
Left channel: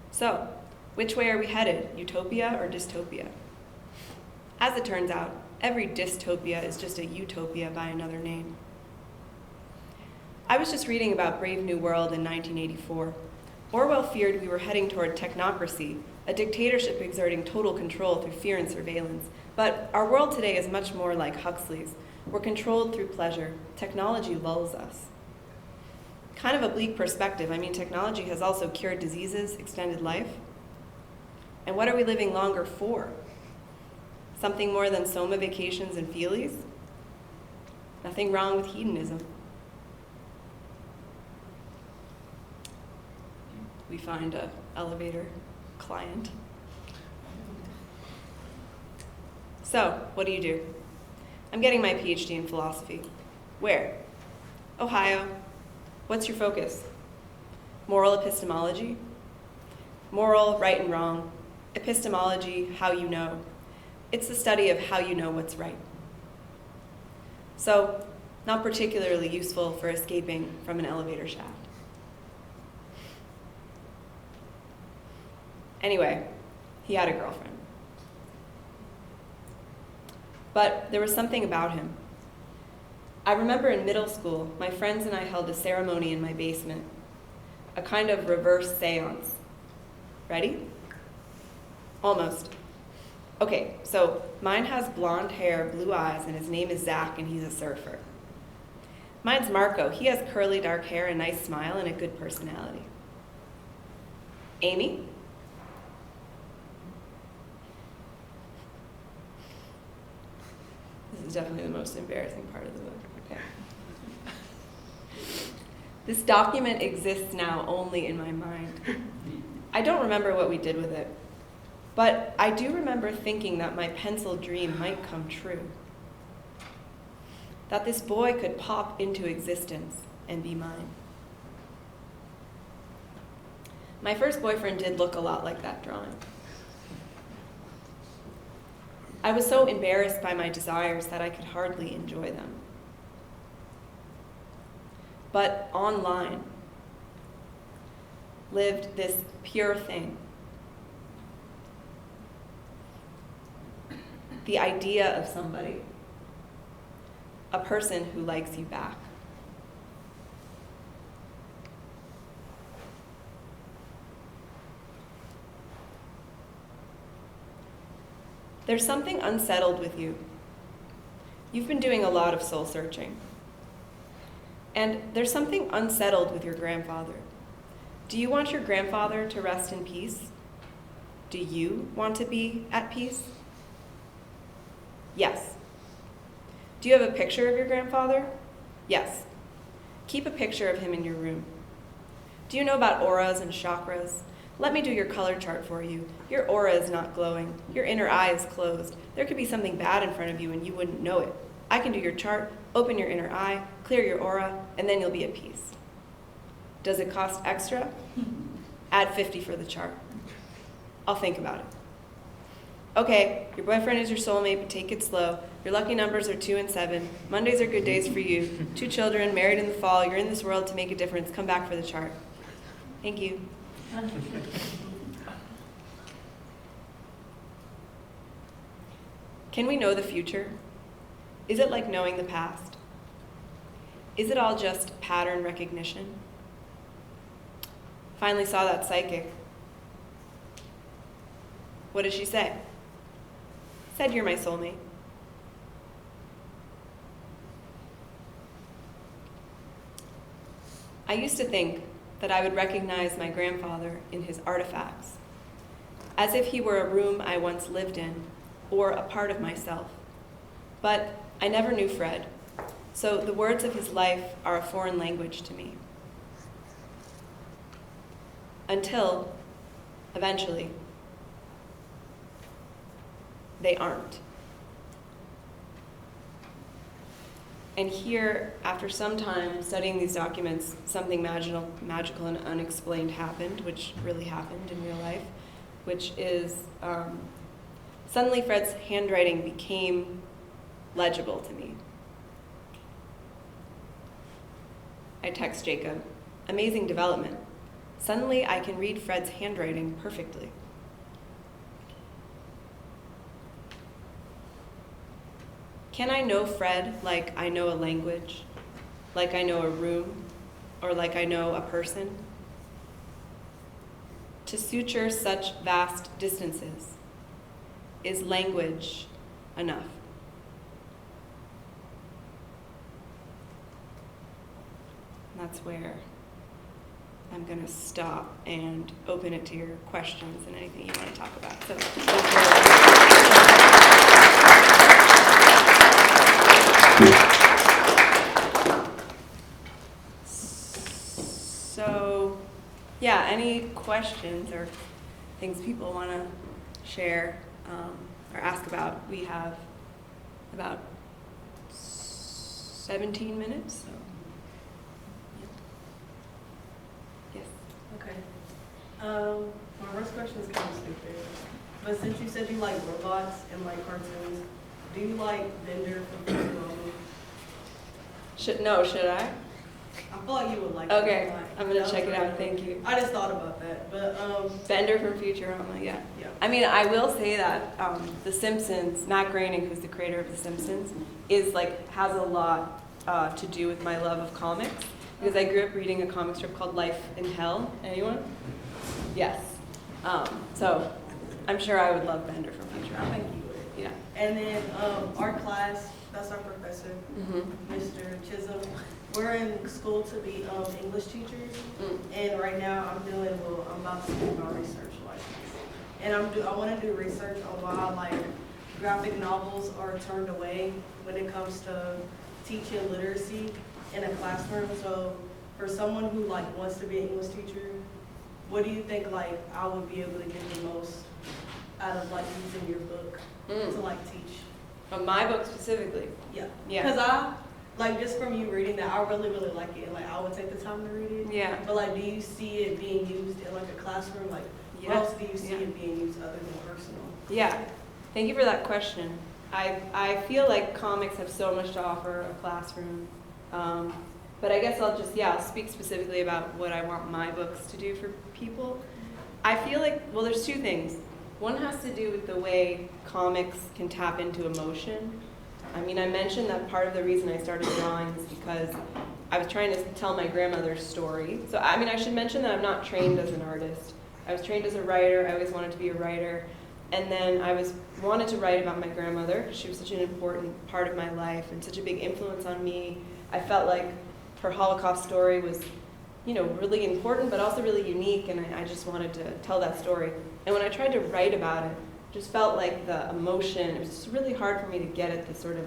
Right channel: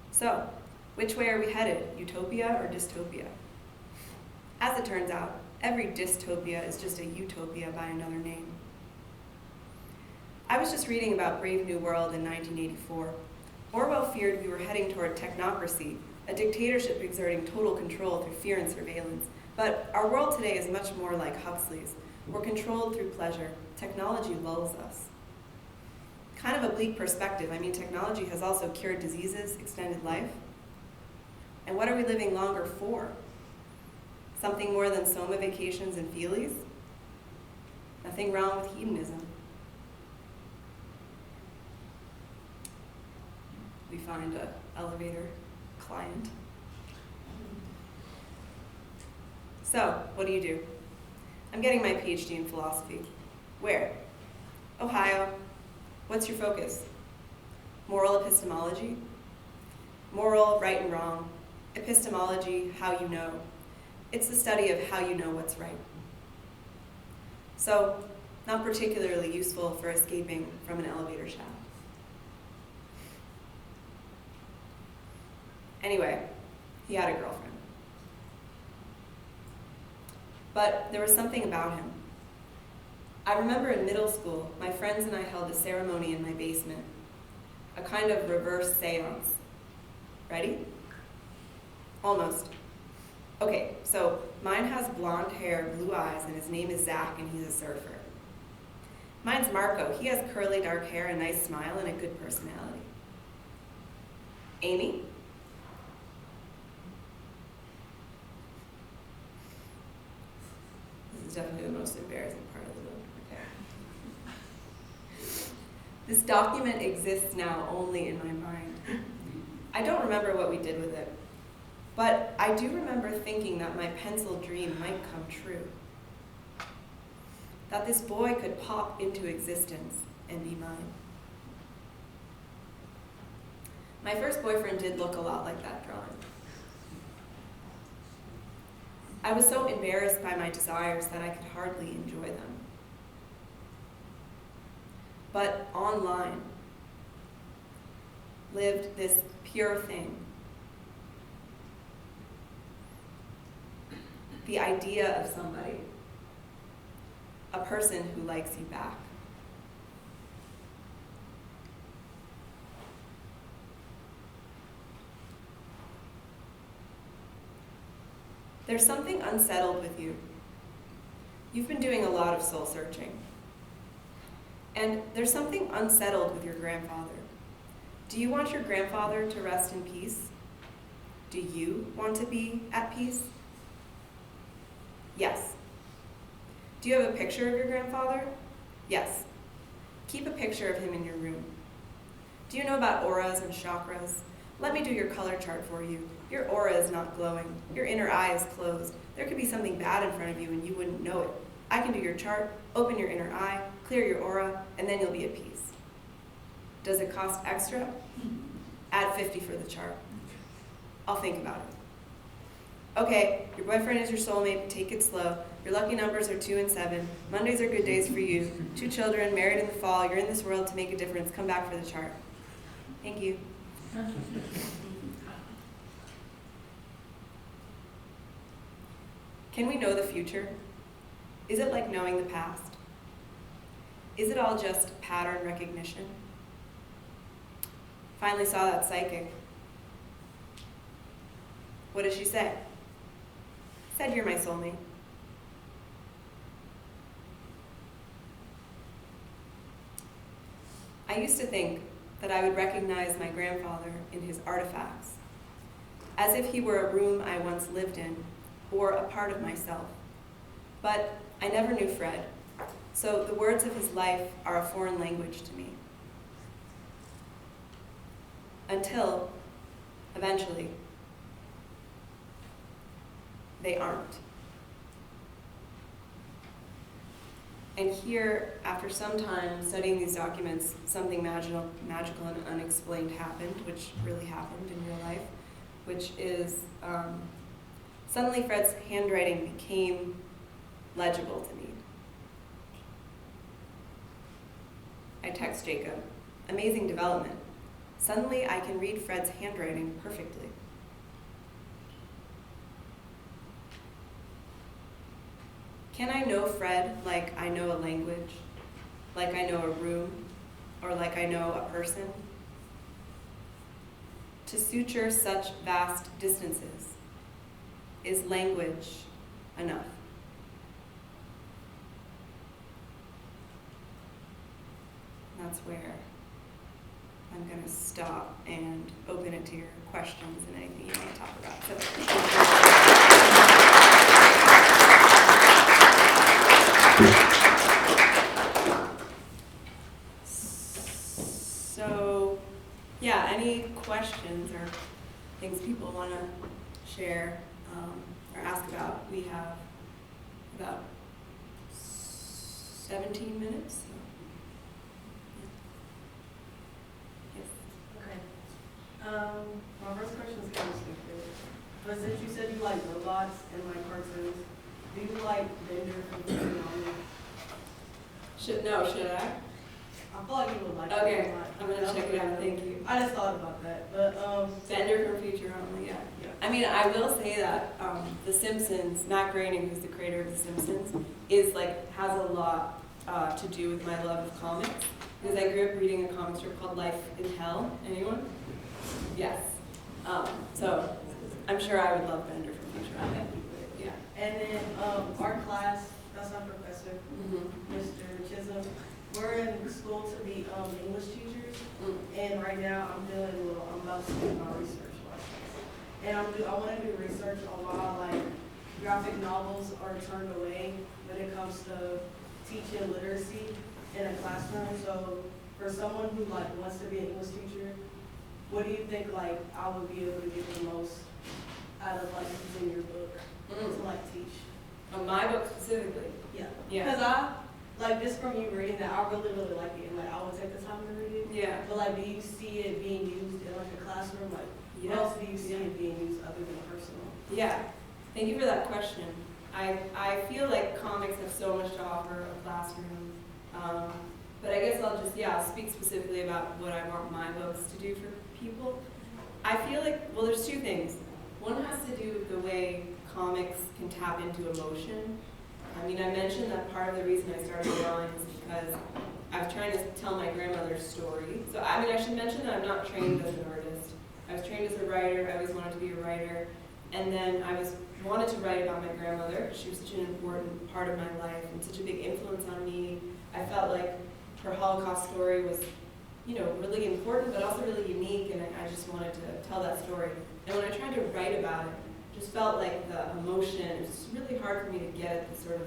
So, which way are we headed, utopia or dystopia? As it turns out, every dystopia is just a utopia by another name. I was just reading about Brave New World in 1984. Orwell feared we were heading toward technocracy, a dictatorship exerting total control through fear and surveillance. But our world today is much more like Huxley's. We're controlled through pleasure. Technology lulls us. Kind of a bleak perspective. I mean, technology has also cured diseases, extended life. And what are we living longer for? Something more than Soma vacations and feelies? Nothing wrong with hedonism. We find an elevator client. So, what do? I'm getting my PhD in philosophy. Where? Ohio. What's your focus? Moral epistemology? Moral, right and wrong. Epistemology, how you know. It's the study of how you know what's right. So, not particularly useful for escaping from an elevator shaft. Anyway, he had a girlfriend. But there was something about him. I remember in middle school, my friends and I held a ceremony in my basement, a kind of reverse seance. Ready? Almost. Okay, so mine has blonde hair, blue eyes, and his name is Zach, and he's a surfer. Mine's Marco. He has curly dark hair, a nice smile, and a good personality. Amy? This is definitely the most embarrassing part of the book. Okay. This document exists now only in my mind. I don't remember what we did with it, but I do remember thinking that my pencil dream might come true. That this boy could pop into existence and be mine. My first boyfriend did look a lot like that drawing. I was so embarrassed by my desires that I could hardly enjoy them. But online lived this pure thing. The idea of somebody, a person who likes you back. There's something unsettled with you. You've been doing a lot of soul searching. And there's something unsettled with your grandfather. Do you want your grandfather to rest in peace? Do you want to be at peace? Yes. Do you have a picture of your grandfather? Yes. Keep a picture of him in your room. Do you know about auras and chakras? Let me do your color chart for you. Your aura is not glowing. Your inner eye is closed. There could be something bad in front of you and you wouldn't know it. I can do your chart, open your inner eye, clear your aura, and then you'll be at peace. Does it cost extra? Add 50 for the chart. I'll think about it. Okay, your boyfriend is your soulmate, but take it slow. Your lucky numbers are 2 and 7. Mondays are good days for you. 2 children, married in the fall. You're in this world to make a difference. Come back for the chart. Thank you. Can we know the future? Is it like knowing the past? Is it all just pattern recognition? Finally saw that psychic. What did she say? Said you're my soulmate. I used to think that I would recognize my grandfather in his artifacts, as if he were a room I once lived in, or a part of myself. But I never knew Fred, so the words of his life are a foreign language to me. Until, eventually, they aren't. And here, after some time studying these documents, something magical and unexplained happened, which really happened in real life, which is suddenly Fred's handwriting became legible to me. I text Jacob, amazing development. Suddenly I can read Fred's handwriting perfectly. Can I know Fred like I know a language, like I know a room, or like I know a person? To suture such vast distances, is language enough? That's where I'm going to stop and open it to your questions and anything you want to talk about. So, yeah, any questions or things people want to share or ask about? We have about 17 minutes. So. My first question is kind of stupid, but since you said you like robots and like cartoons, do you like Bender from Technofeelia? Should I? I feel like you would like Okay, it. I'm gonna check it out. Thank you. I just thought about that, but Bender from Futurama, yeah. yeah. I mean, I will say that The Simpsons, Matt Groening, who's the creator of The Simpsons, is has a lot to do with my love of comics, because I grew up reading a comic strip called Life in Hell. Anyone? Yes. So I'm sure I would love Bender from Futurama. Thank you. Yeah. And then our class, that's our professor, Mr. Chisholm. We're in school to be English teachers, and right now I'm about to do my research license, and I want to do research on why graphic novels are turned away when it comes to teaching literacy in a classroom. So for someone who wants to be an English teacher, what do you think I would be able to get the most out of using your book to teach? From my book specifically? Yeah. Yeah. Because like just from you reading that, I really, really like it. Like I would take the time to read it. Yeah. But like, do you see it being used in like a classroom? Like, Yes. where else do you see Yeah. it being used other than personal? Yeah, thank you for that question. I feel like comics have so much to offer a classroom, but I guess I'll speak specifically about what I want my books to do for people. I feel like, well, there's two things. One has to do with the way comics can tap into emotion. I mean, I mentioned that part of the reason I started drawing is because I was trying to tell my grandmother's story. So, I mean, I should mention that I'm not trained as an artist. I was trained as a writer. I always wanted to be a writer. And then I wanted to write about my grandmother. She was such an important part of my life and such a big influence on me. I felt like her Holocaust story was, you know, really important, but also really unique, and I just wanted to tell that story. And when I tried to write about it, just felt like the emotion, it was just really hard for me to get at the sort of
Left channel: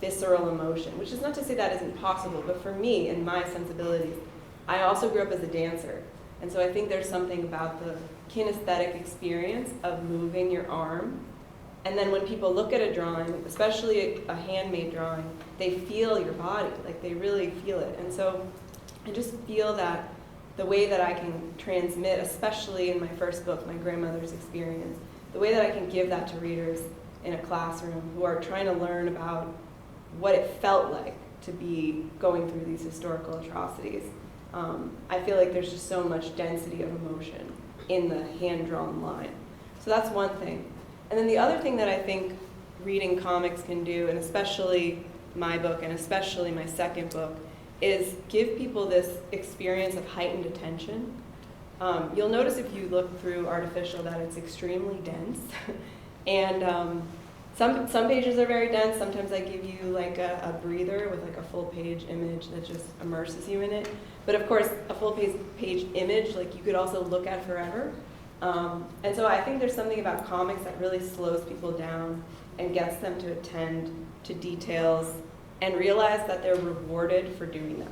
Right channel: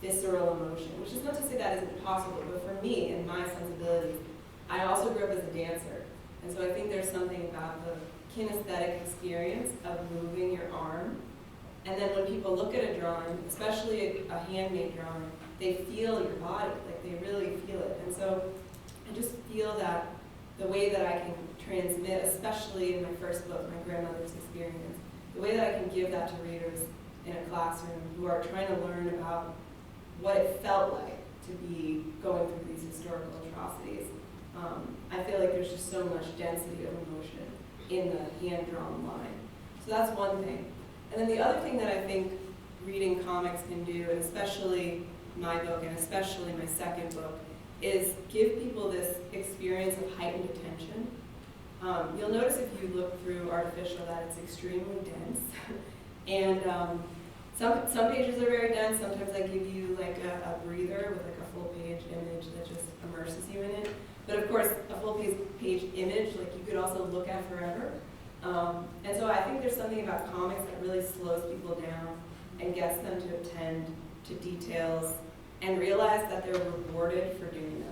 visceral emotion, which is not to say that isn't possible, but for me and my sensibilities, I also grew up as a dancer. And so I think there's something about the kinesthetic experience of moving your arm. And then when people look at a drawing, especially a handmade drawing, they feel your body, like they really feel it. And so I just feel that the way that I can transmit, especially in my first book, my grandmother's experience, the way that I can give that to readers in a classroom who are trying to learn about what it felt like to be going through these historical atrocities. I feel like there's just so much density of emotion in the hand-drawn line. So that's one thing. And then the other thing that I think reading comics can do, and especially my book and especially my second book, is give people this experience of heightened attention. You'll notice if you look through Artificial that it's extremely dense. And some pages are very dense. Sometimes I give you like a breather with like a full page image that just immerses you in it. But of course, a full page image, like you could also look at forever. And so I think there's something about comics that really slows people down and gets them to attend to details and realize that they're rewarded for doing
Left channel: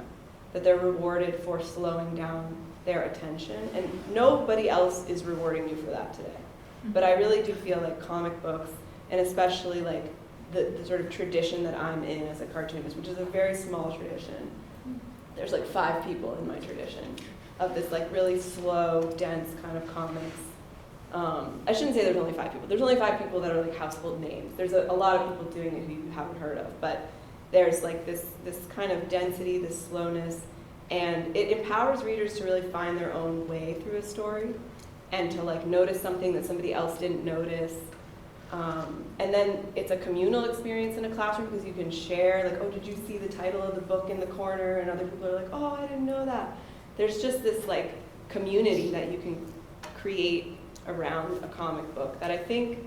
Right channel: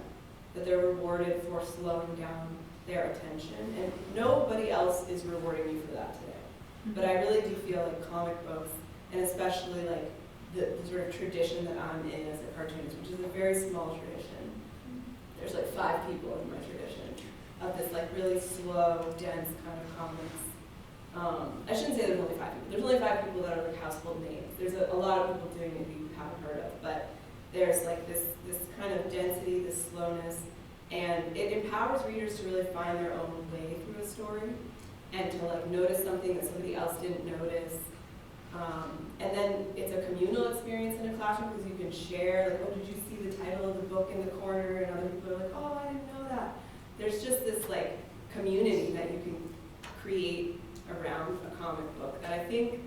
that they're rewarded for slowing down their attention. And nobody else is rewarding you for that today. But I really do feel like comic books, and especially like the sort of tradition that I'm in as a cartoonist, which is a very small tradition. There's like 5 people in my tradition of this like really slow, dense kind of comics. I shouldn't say there's only 5 people. There's only 5 people that are like household names. There's a lot of people doing it who you haven't heard of, but there's like this kind of density, this slowness, and it empowers readers to really find their own way through a story and to like notice something that somebody else didn't notice. And then it's a communal experience in a classroom because you can share, like, oh, did you see the title of the book in the corner? And other people are like, oh, I didn't know that. There's just this like community that you can create around a comic book that I think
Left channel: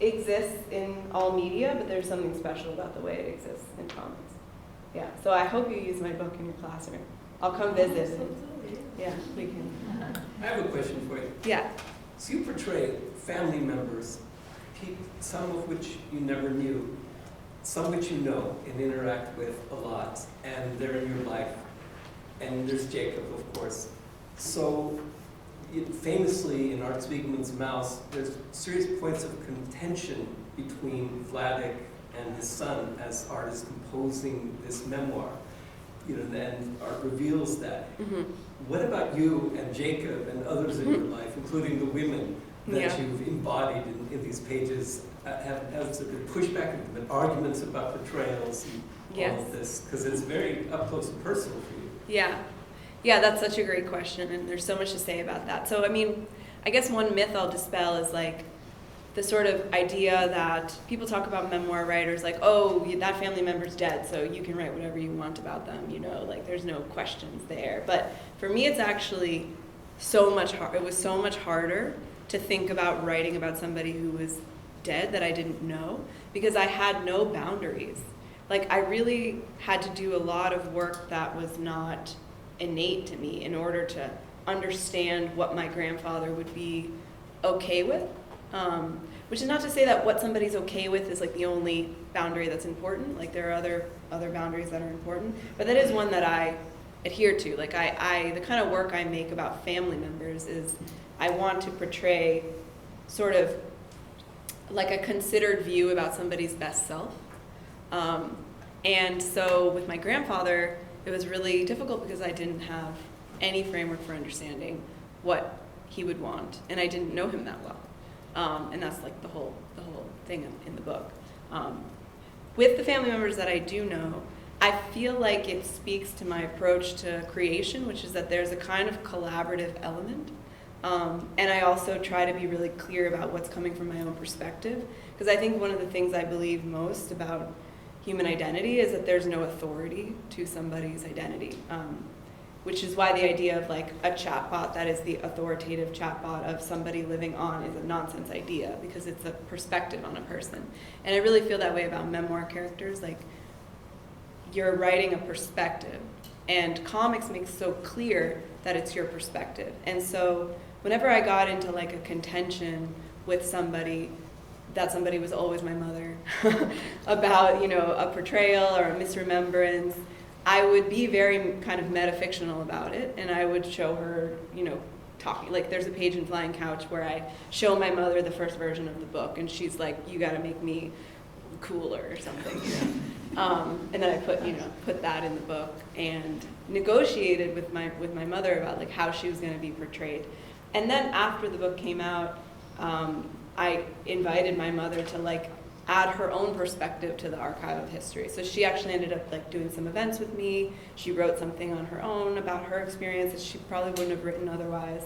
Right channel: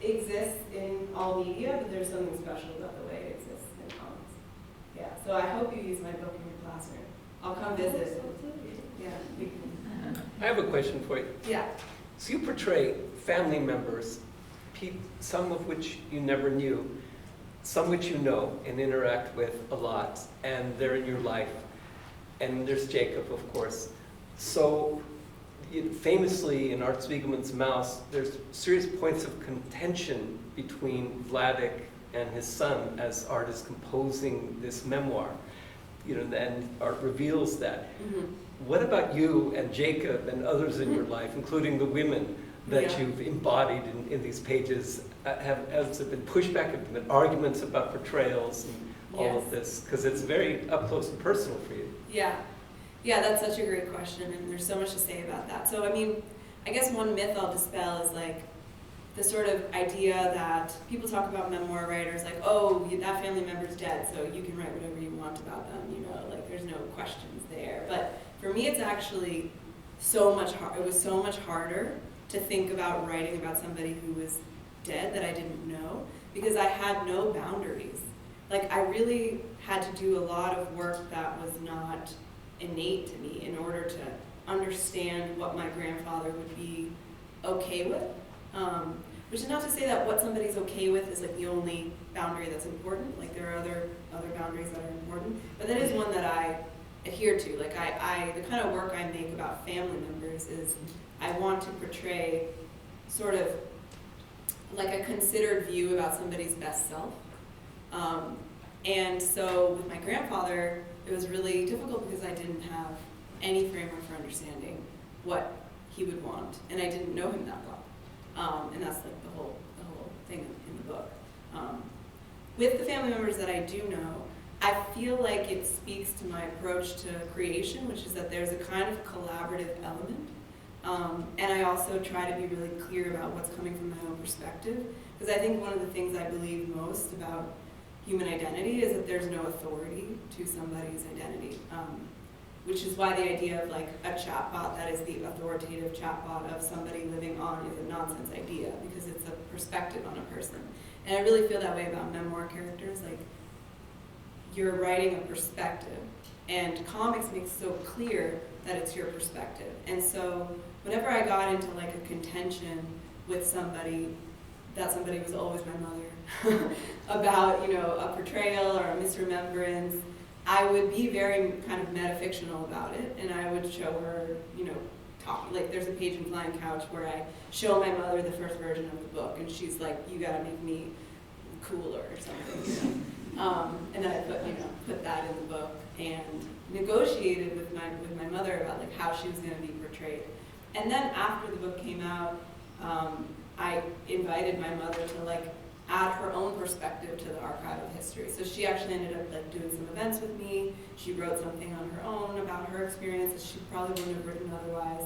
exists in all media, but there's something special about the way it exists in comics. Yeah, so I hope you use my book in your classroom. I'll come visit. Yeah, we can. I have a question for you. Yeah. So you portray family members, some of which you never knew, some which you know and interact with a lot, and they're in your life. And there's Jacob, of course. So famously in Art Spiegelman's Mouse, there's serious points of contention between Vladek and his son as Art is composing this memoir. You know, and Art reveals that. Mm-hmm. What about you and Jacob and others in your life, including the women that you've embodied in these pages? Has there been pushback, have there been arguments about portrayals and all of this? Because it's very up close and personal for you. Yeah. Yeah, that's such a great question, and there's so much to say about that. So, I mean, I guess one myth I'll dispel is like the sort of idea that people talk about memoir writers like, oh, that family member's dead, so you can write whatever you want about them, you know, like there's no questions there. But for me, it's actually so much hard. It was so much harder to think about writing about somebody who was dead that I didn't know, because I had no boundaries. Like, I really had to do a lot of work that was not innate to me in order to understand what my grandfather would be okay with. Which is not to say that what somebody's okay with is like the only boundary that's important. Like, there are other boundaries that are important, but that is one that I adhere to. Like, the kind of work I make about family members is I want to portray sort of like a considered view about somebody's best self. And so with my grandfather, it was really difficult because I didn't have any framework for understanding what he would want, and I didn't know him that well. And that's like the whole thing in the book. With the family members that I do know, I feel like it speaks to my approach to creation, which is that there's a kind of collaborative element. And I also try to be really clear about what's coming from my own perspective, because I think one of the things I believe most about human identity is that there's no authority to somebody's identity, which is why the idea of like a chatbot that is the authoritative chatbot of somebody living on is a nonsense idea, because it's a perspective on a person. And I really feel that way about memoir characters. Like, you're writing a perspective, and comics makes so clear that it's your perspective. And so whenever I got into like a contention with somebody, that somebody was always my mother, about, you know, a portrayal or a misremembrance, I would be very kind of metafictional about it, and I would show her, you know, talking. Like, there's a page in Flying Couch where I show my mother the first version of the book, and she's like, "You got to make me cooler," or something, you know. And then I put that in the book and negotiated with my mother about like how she was going to be portrayed. And then after the book came out, I invited my mother to like add her own perspective to the archive of history. So she actually ended up like doing some events with me. She wrote something on her own about her experiences she probably wouldn't have written otherwise.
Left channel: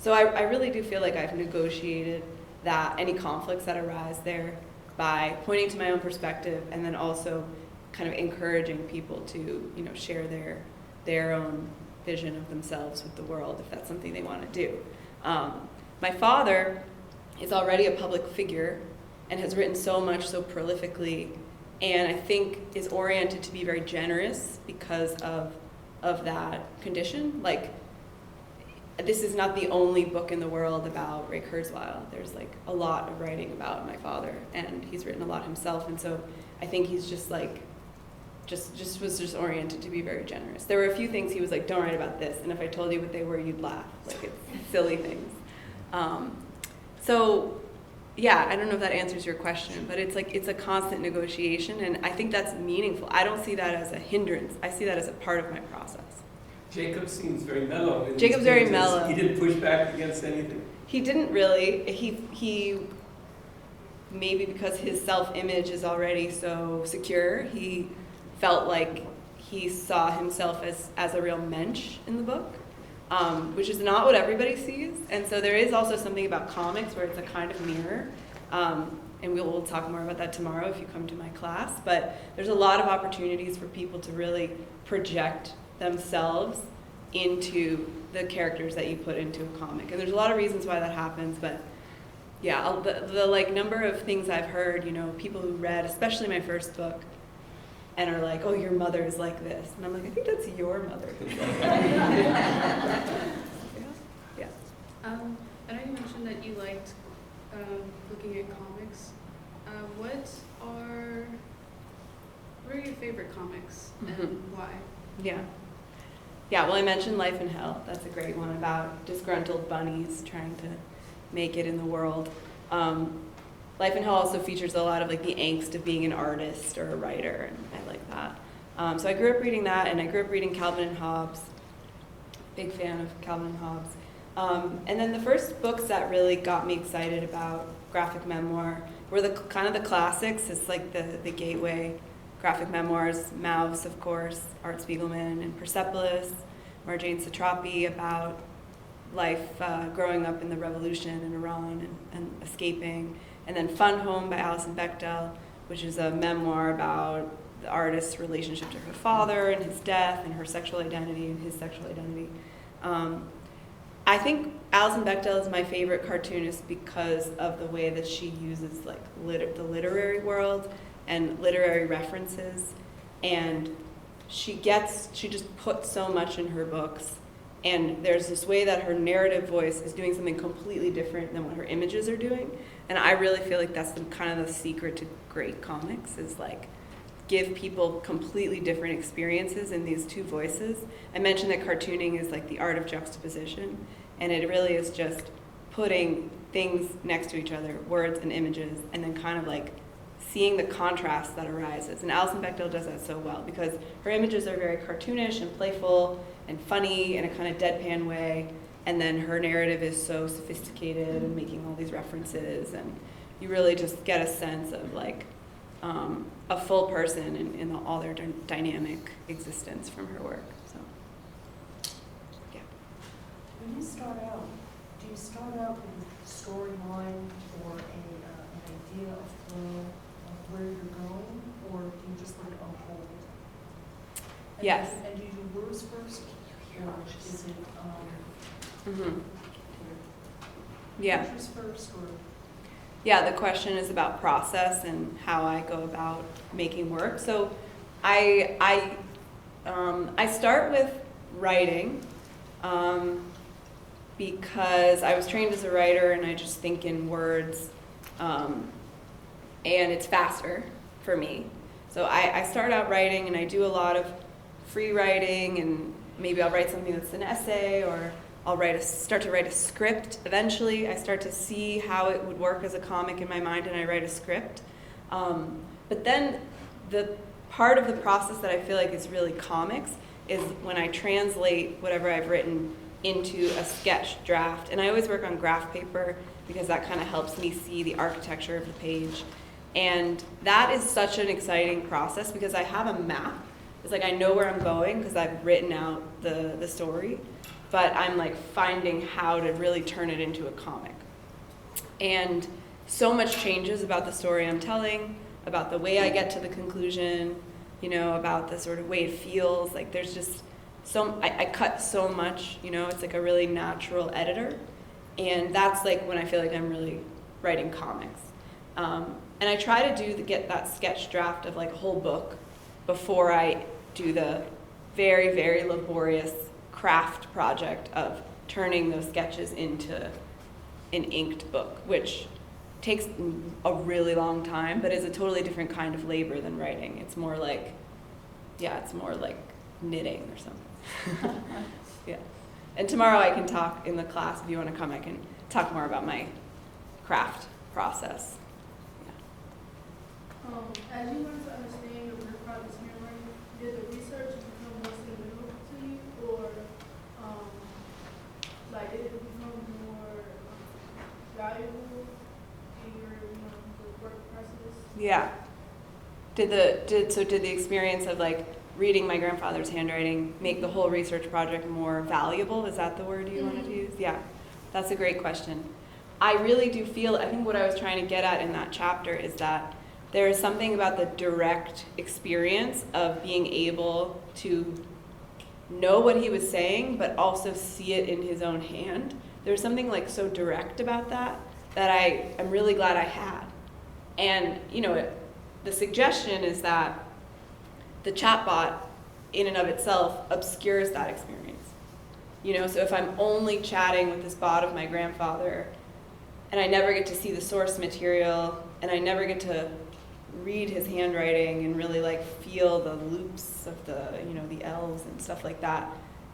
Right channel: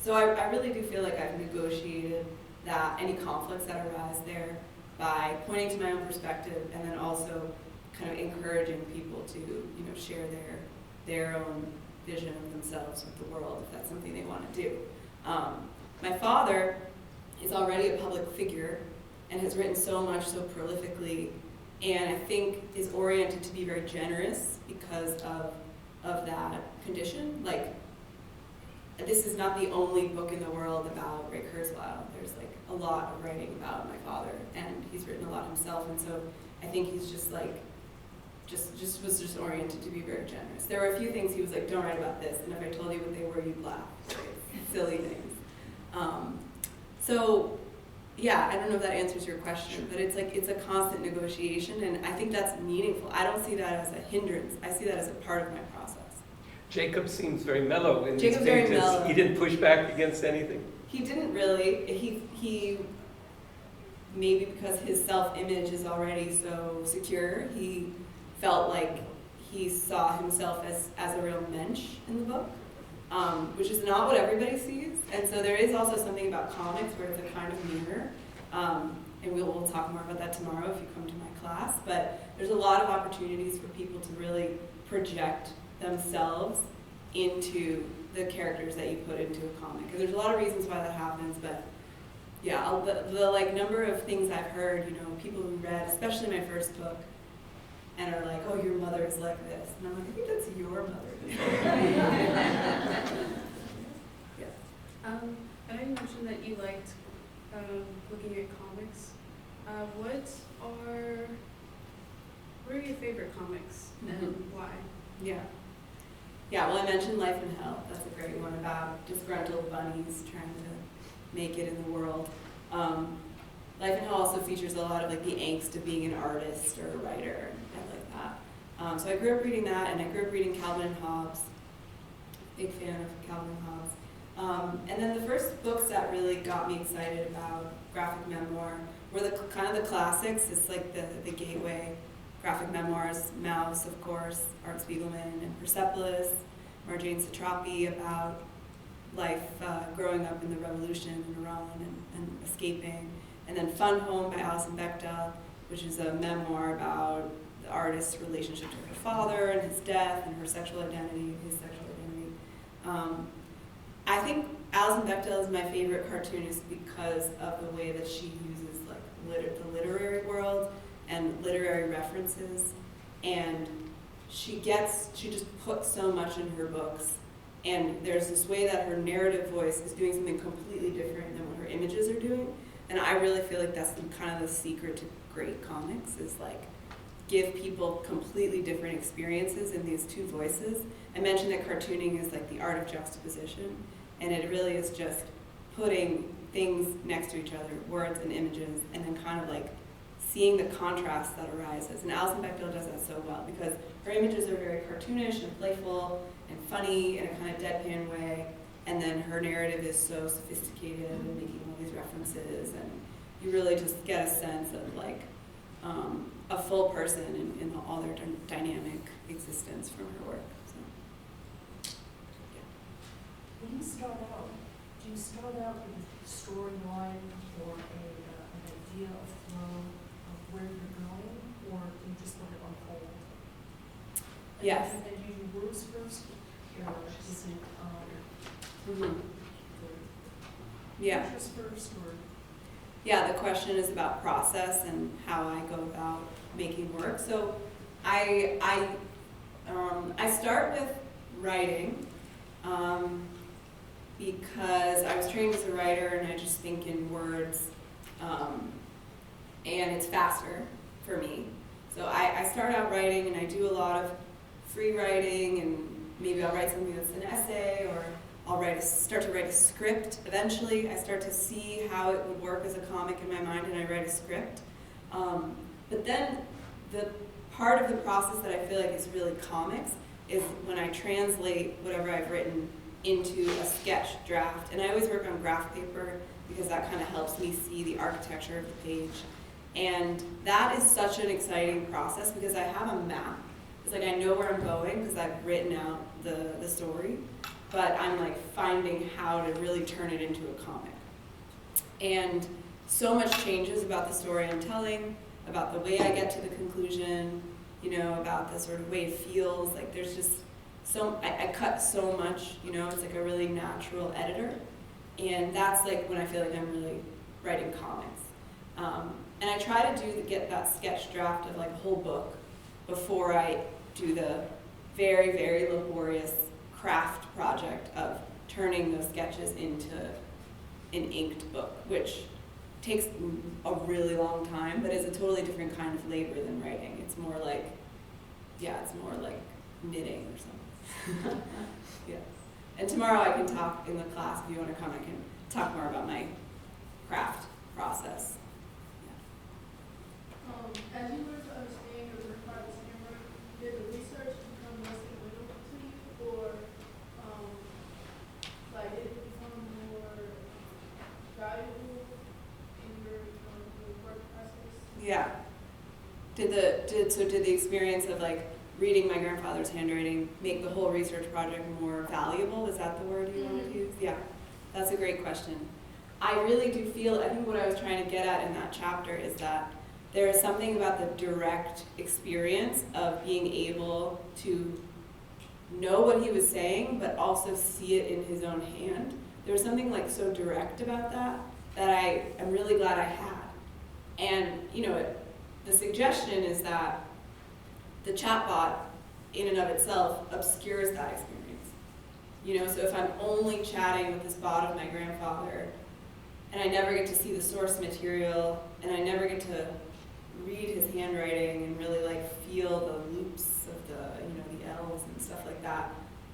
So I really do feel like I've negotiated that any conflicts that arise there by pointing to my own perspective, and then also kind of encouraging people to, you know, share their own vision of themselves with the world if that's something they want to do. My father is already a public figure and has written so much so prolifically, and I think is oriented to be very generous because of that condition. Like, this is not the only book in the world about Ray Kurzweil. There's like a lot of writing about my father, and he's written a lot himself, and so I think he's just like, was oriented to be very generous. There were a few things he was like, "Don't write about this," and if I told you what they were, you'd laugh. Like, it's silly things. So yeah, I don't know if that answers your question, but it's like, it's a constant negotiation, and I think that's meaningful. I don't see that as a hindrance. I see that as a part of my process. Jacob seems very mellow in Jacob's these very pages. mellow. He didn't push back against anything. He didn't really. He maybe because his self-image is already so secure, he felt like he saw himself as a real mensch in the book, which is not what everybody sees. And so there is also something about comics where it's a kind of mirror. And we'll talk more about that tomorrow if you come to my class. But there's a lot of opportunities for people to really project themselves into the characters that you put into a comic. And there's a lot of reasons why that happens, but yeah, the like number of things I've heard, you know, people who read, especially my first book, and are like, "Oh, your mother is like this." And I'm like, I think that's your mother. Yeah. I know you mentioned that you liked looking at comics. What are your favorite comics and why? Yeah. Yeah, well, I mentioned Life in Hell. That's a great one about disgruntled bunnies trying to make it in the world. Life in Hell also features a lot of like the angst of being an artist or a writer, and I like that. So I grew up reading that, and I grew up reading Calvin and Hobbes. Big fan of Calvin and Hobbes. And then the first books that really got me excited about graphic memoir were the kind of the classics. It's like the gateway. Graphic memoirs, Mouse, of course, Art Spiegelman, and Persepolis, Marjane Satrapi, about life growing up in the revolution in Iran and escaping. And then Fun Home by Alison Bechdel, which is a memoir about the artist's relationship to her father and his death and her sexual identity and his sexual identity. I think Alison Bechdel is my favorite cartoonist because of the way that she uses like the literary world and literary references, and she just puts so much in her books, and there's this way that her narrative voice is doing something completely different than what her images are doing, and I really feel like that's kind of the secret to great comics, is like give people completely different experiences in these two voices. I mentioned that cartooning is like the art of juxtaposition, and it really is just putting things next to each other, words and images, and then kind of like seeing the contrast that arises. And Alison Bechdel does that so well because her images are very cartoonish and playful and funny in a kind of deadpan way. And then her narrative is so sophisticated and making all these references. And you really just get a sense of like a full person in all their dynamic existence from her work. So, yeah. When you start out, do you start out with a storyline or an idea of flow of where you're going, or do you just let it unfold? Yes. And do you do words first, or is it Yeah. pictures first, or? Yeah, the question is about process and how I go about making work. So I start with writing because I was trained as a writer and I just think in words and it's faster for me. So I start out writing and I do a lot of free writing, and maybe I'll write something that's an essay, or I'll start to write a script. Eventually, I start to see how it would work as a comic in my mind, and I write a script. But then the part of the process that I feel like is really comics is when I translate whatever I've written into a sketch draft. And I always work on graph paper because that kind of helps me see the architecture of the page. And that is such an exciting process because I have a map. It's like I know where I'm going because I've written out the story, but I'm like finding how to really turn it into a comic. And so much changes about the story I'm telling, about the way I get to the conclusion, you know, about the sort of way it feels. Like there's just I cut so much, you know, it's like a really natural editor. And that's like when I feel like I'm really writing comics. And I try to get that sketch draft of like a whole book before I do the very, very laborious craft project of turning those sketches into an inked book, which takes a really long time, but is a totally different kind of labor than writing. It's more like, it's more like knitting or something. Yeah. And tomorrow I can talk in the class, if you want to come, I can talk more about my craft process. As you learn to understand your work project's memory, did the research become more sentimental to you, or did it become more valuable in your the work process? Yeah. Did the experience of like reading my grandfather's handwriting make the whole research project more valuable? Is that the word you wanted to use? Yeah, that's a great question. I really do feel, I think what I was trying to get at in that chapter is that there is something about the direct experience of being able to know what he was saying, but also see it in his own hand. There's something like so direct about that I'm really glad I had. And, you know, the suggestion is that the chatbot in and of itself obscures that experience. You know, so if I'm only chatting with this bot of my grandfather and I never get to see the source material and I never get to read his handwriting and really like feel the loops of the L's and stuff like that,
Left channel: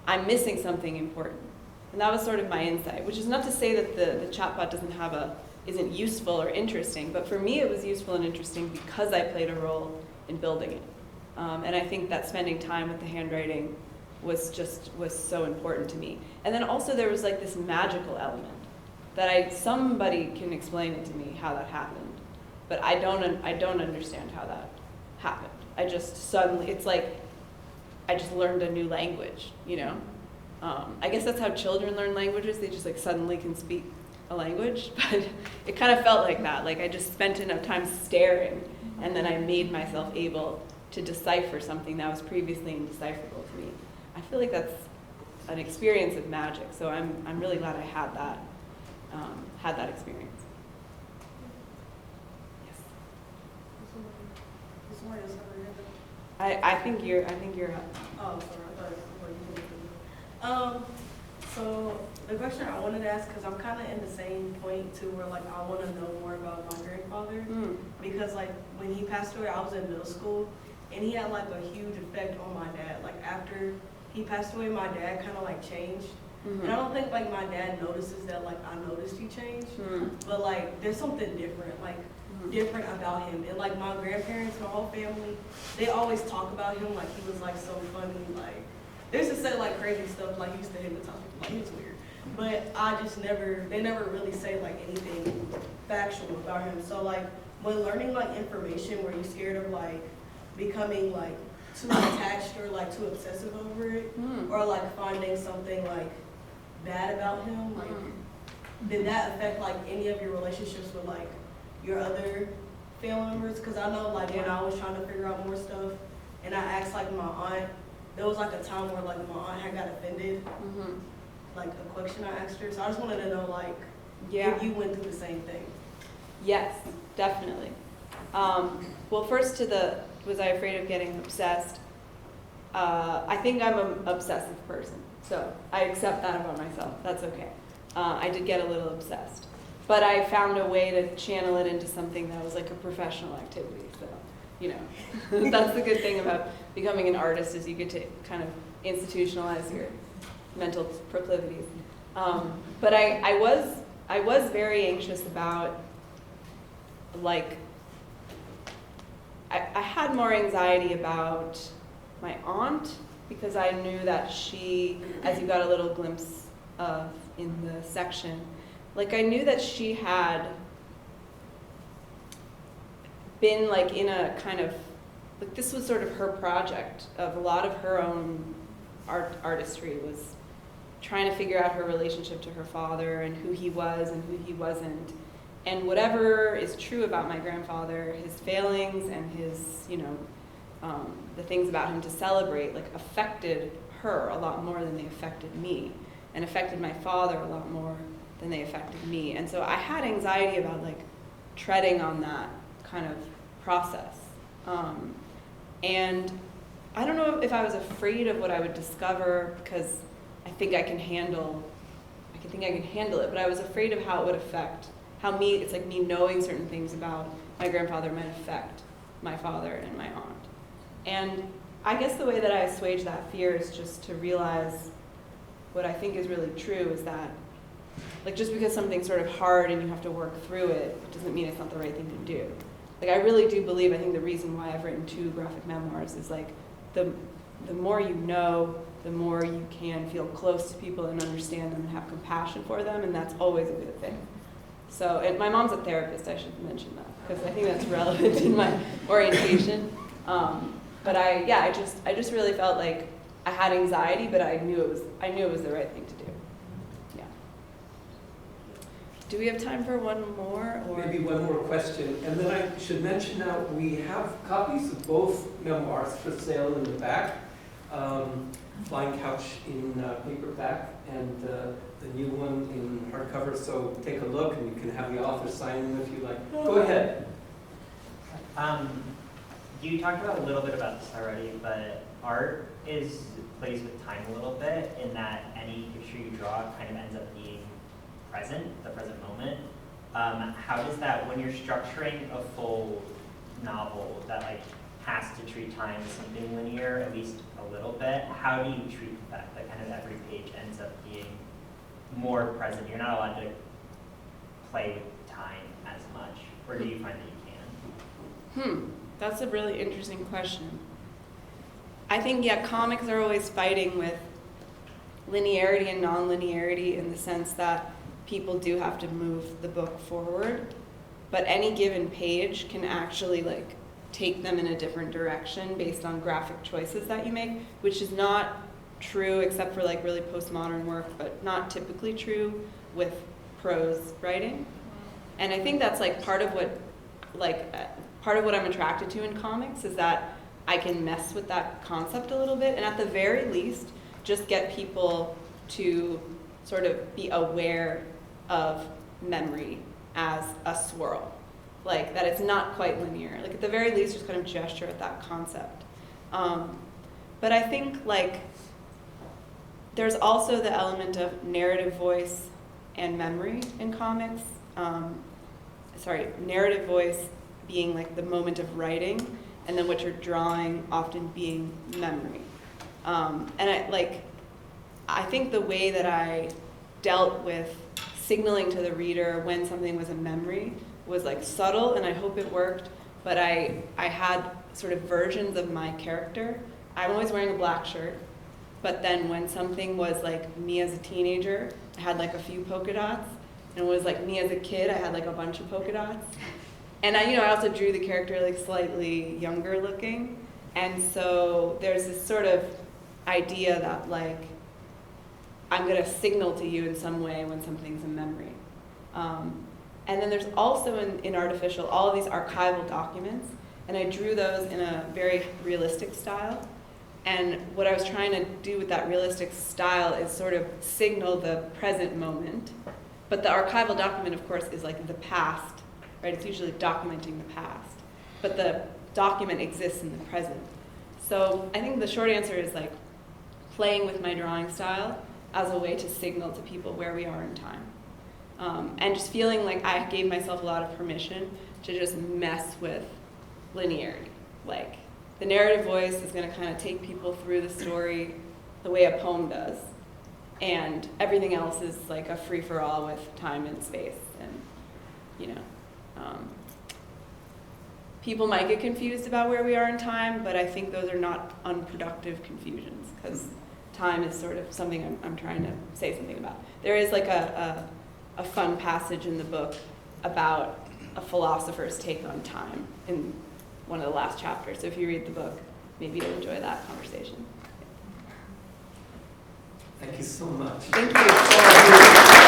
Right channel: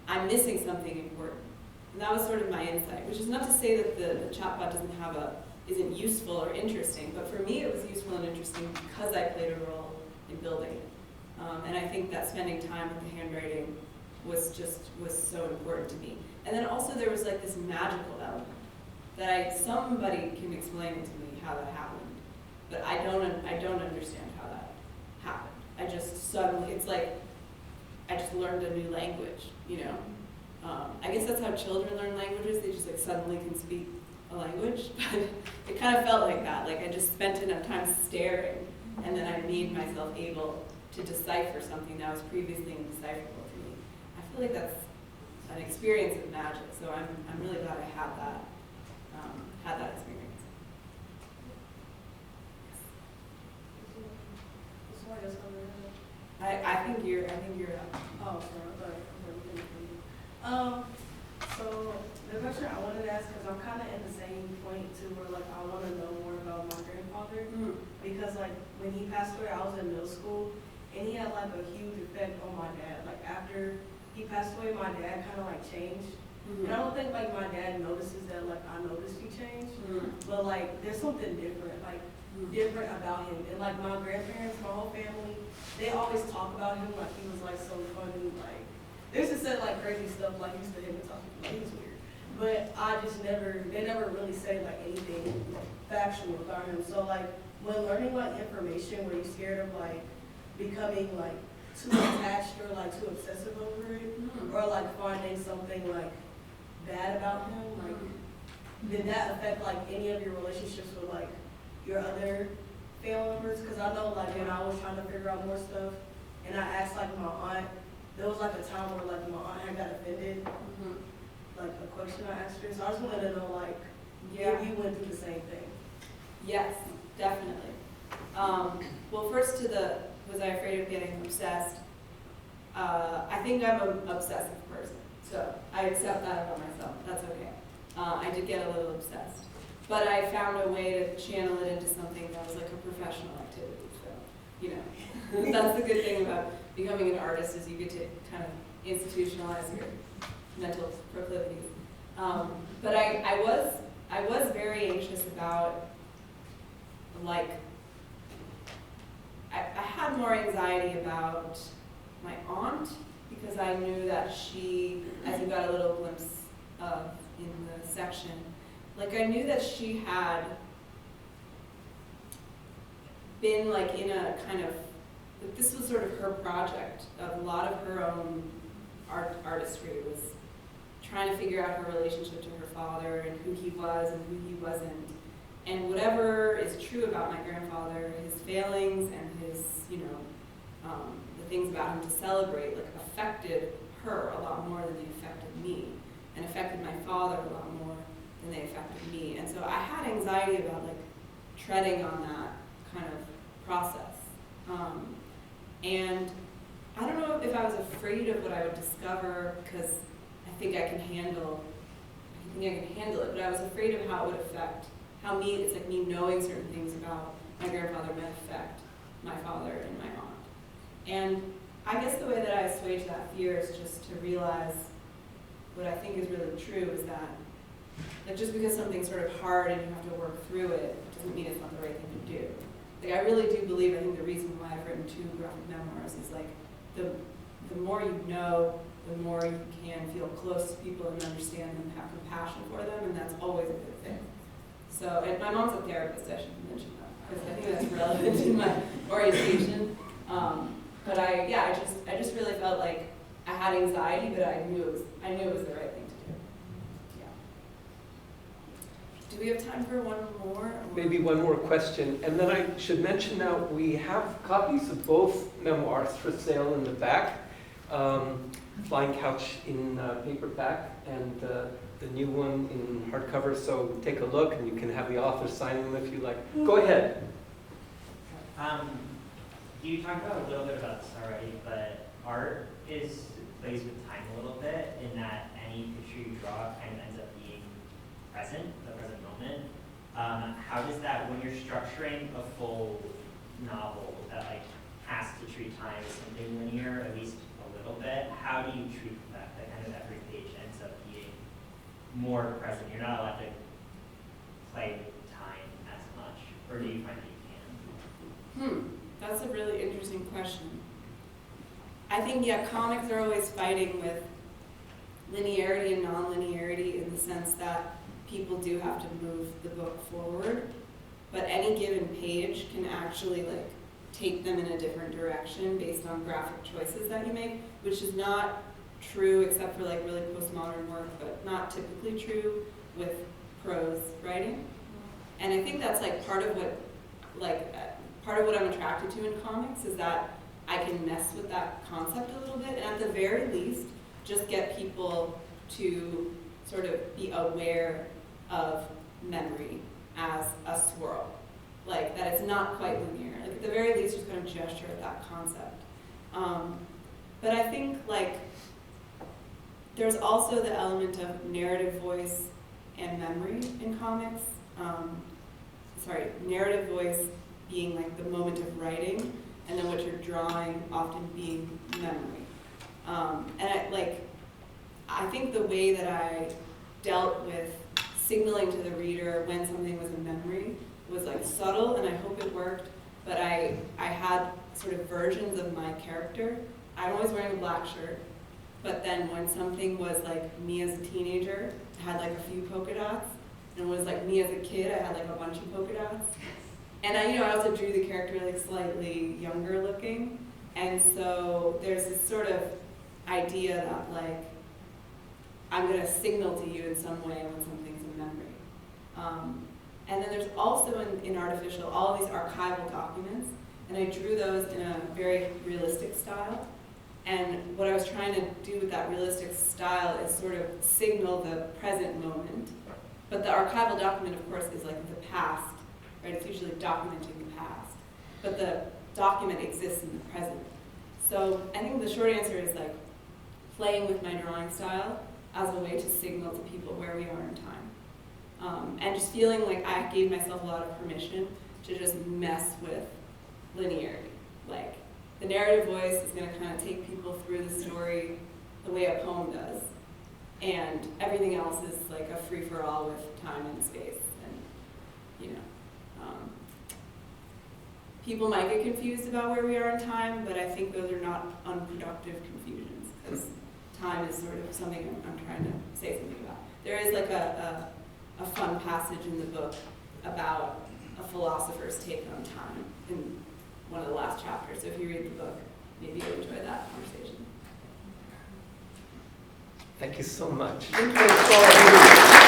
I'm missing something important. And that was sort of my insight, which is not to say that the chatbot isn't useful or interesting, but for me it was useful and interesting because I played a role in building it. And I think that spending time with the handwriting was so important to me. And then also there was like this magical element that somebody can explain it to me how that happened, but I don't understand how that happened. I just suddenly, it's like I just learned a new language, you know? I guess that's how children learn languages. They just like suddenly can speak a language, but it kind of felt like that. Like I just spent enough time staring, and then I made myself able to decipher something that was previously indecipherable to me. I feel like that's an experience of magic. So I'm really glad I had that experience. Yes. I think you're up. Oh, sorry, I thought so the question I wanted to ask, because I'm kind of in the same point too, where like I want to know more about my grandfather, because like when he passed away, I was in middle school, and he had like a huge effect on my dad. Like after he passed away, my dad kind of like changed, and I don't think like my dad notices that like I noticed he changed, but like there's something different. Like different about him. And like my grandparents, my whole family, they always talk about him like he was like so funny, like they used to say like crazy stuff, like he used to hypnotize people, like he was weird. But they never really say like anything factual about him. So like when learning like information where you're scared of like becoming like too attached or like too obsessive over it, or like finding something like bad about him, like did that affect like any of your relationships with like your other family members? Because I know like when I was trying to figure out more stuff and I asked like my aunt, there was like a time where like my aunt had got offended, like a question I asked her. So I just wanted to know like if you went through the same thing. Yes, definitely. Well, first to the, was I afraid of getting obsessed? I think I'm an obsessive person, so I accept that about myself. That's okay. I did get a little obsessed. But I found a way to channel it into something that was like a professional activity. So, you know, that's the good thing about becoming an artist is you get to kind of institutionalize your mental proclivities. But I was very anxious about, like, I had more anxiety about my aunt because I knew that she, as you got a little glimpse of in the section, like I knew that she had been like in a kind of, like this was sort of her project of a lot of her own artistry was trying to figure out her relationship to her father and who he was and who he wasn't. And whatever is true about my grandfather, his failings and his, you know, the things about him to celebrate, like affected her a lot more than they affected me, and affected my father a lot more than they affected me. And so I had anxiety about like treading on that kind of process. And I don't know if I was afraid of what I would discover because I think I can handle it, but I was afraid of how it would affect it's like me knowing certain things about my grandfather might affect my father and my aunt. And I guess the way that I assuage that fear is just to realize what I think is really true is that, like, just because something's sort of hard and you have to work through it, it doesn't mean it's not the right thing to do. Like, I really do believe, I think the reason why I've written 2 graphic memoirs is like, the more you know, the more you can feel close to people and understand them and have compassion for them, and that's always a good thing. So, and my mom's a therapist, I should mention that, because I think that's relevant in my orientation. But I just really felt like I had anxiety, but I knew it was the right thing to do. Yeah. Do we have time for one more? Or? Maybe one more question. And then I should mention now, we have copies of both memoirs for sale in the back. Flying Couch in paperback and the new one in hardcover. So take a look and you can have the author sign them if you like. Go ahead. You talked about a little bit about this already, but art plays with time a little bit in that any picture you draw kind of ends up being present, the present moment. How does that, when you're structuring a full novel that like has to treat time as something linear, at least a little bit, how do you treat the fact that kind of every page ends up being more present? You're not allowed to play with time as much, or do you find that you can? That's a really interesting question. I think, comics are always fighting with linearity and non-linearity in the sense that people do have to move the book forward, but any given page can actually like take them in a different direction based on graphic choices that you make, which is not true except for like really postmodern work, but not typically true with prose writing. And I think that's like part of what I'm attracted to in comics is that I can mess with that concept a little bit, and at the very least, just get people to sort of be aware of memory as a swirl. Like, that it's not quite linear. Like, at the very least, just kind of gesture at that concept. But I think, like, there's also the element of narrative voice and memory in comics. Narrative voice being, like, the moment of writing, and then what you're drawing often being memory. And I think the way that I dealt with signaling to the reader when something was a memory was like subtle, and I hope it worked, but I had sort of versions of my character. I'm always wearing a black shirt, but then when something was like me as a teenager, I had like a few polka dots, and it was like me as a kid, I had like a bunch of polka dots. And I also drew the character like slightly younger looking, and so there's this sort of idea that like I'm gonna signal to you in some way when something's a memory. And then there's also in Artificial all of these archival documents, and I drew those in a very realistic style. And what I was trying to do with that realistic style is sort of signal the present moment. But the archival document, of course, is like the past, right? It's usually documenting the past. But the document exists in the present. So I think the short answer is like playing with my drawing style as a way to signal to people where we are in time. And just feeling like I gave myself a lot of permission to just mess with linearity. Like, the narrative voice is going to kind of take people through the story the way a poem does. And everything else is like a free-for-all with time and space. And, people might get confused about where we are in time, but I think those are not unproductive confusions, because time is sort of something I'm trying to say something about. There is like a fun passage in the book about a philosopher's take on time in one of the last chapters. So if you read the book, maybe you'll enjoy that conversation. Thank you so much. Thank you.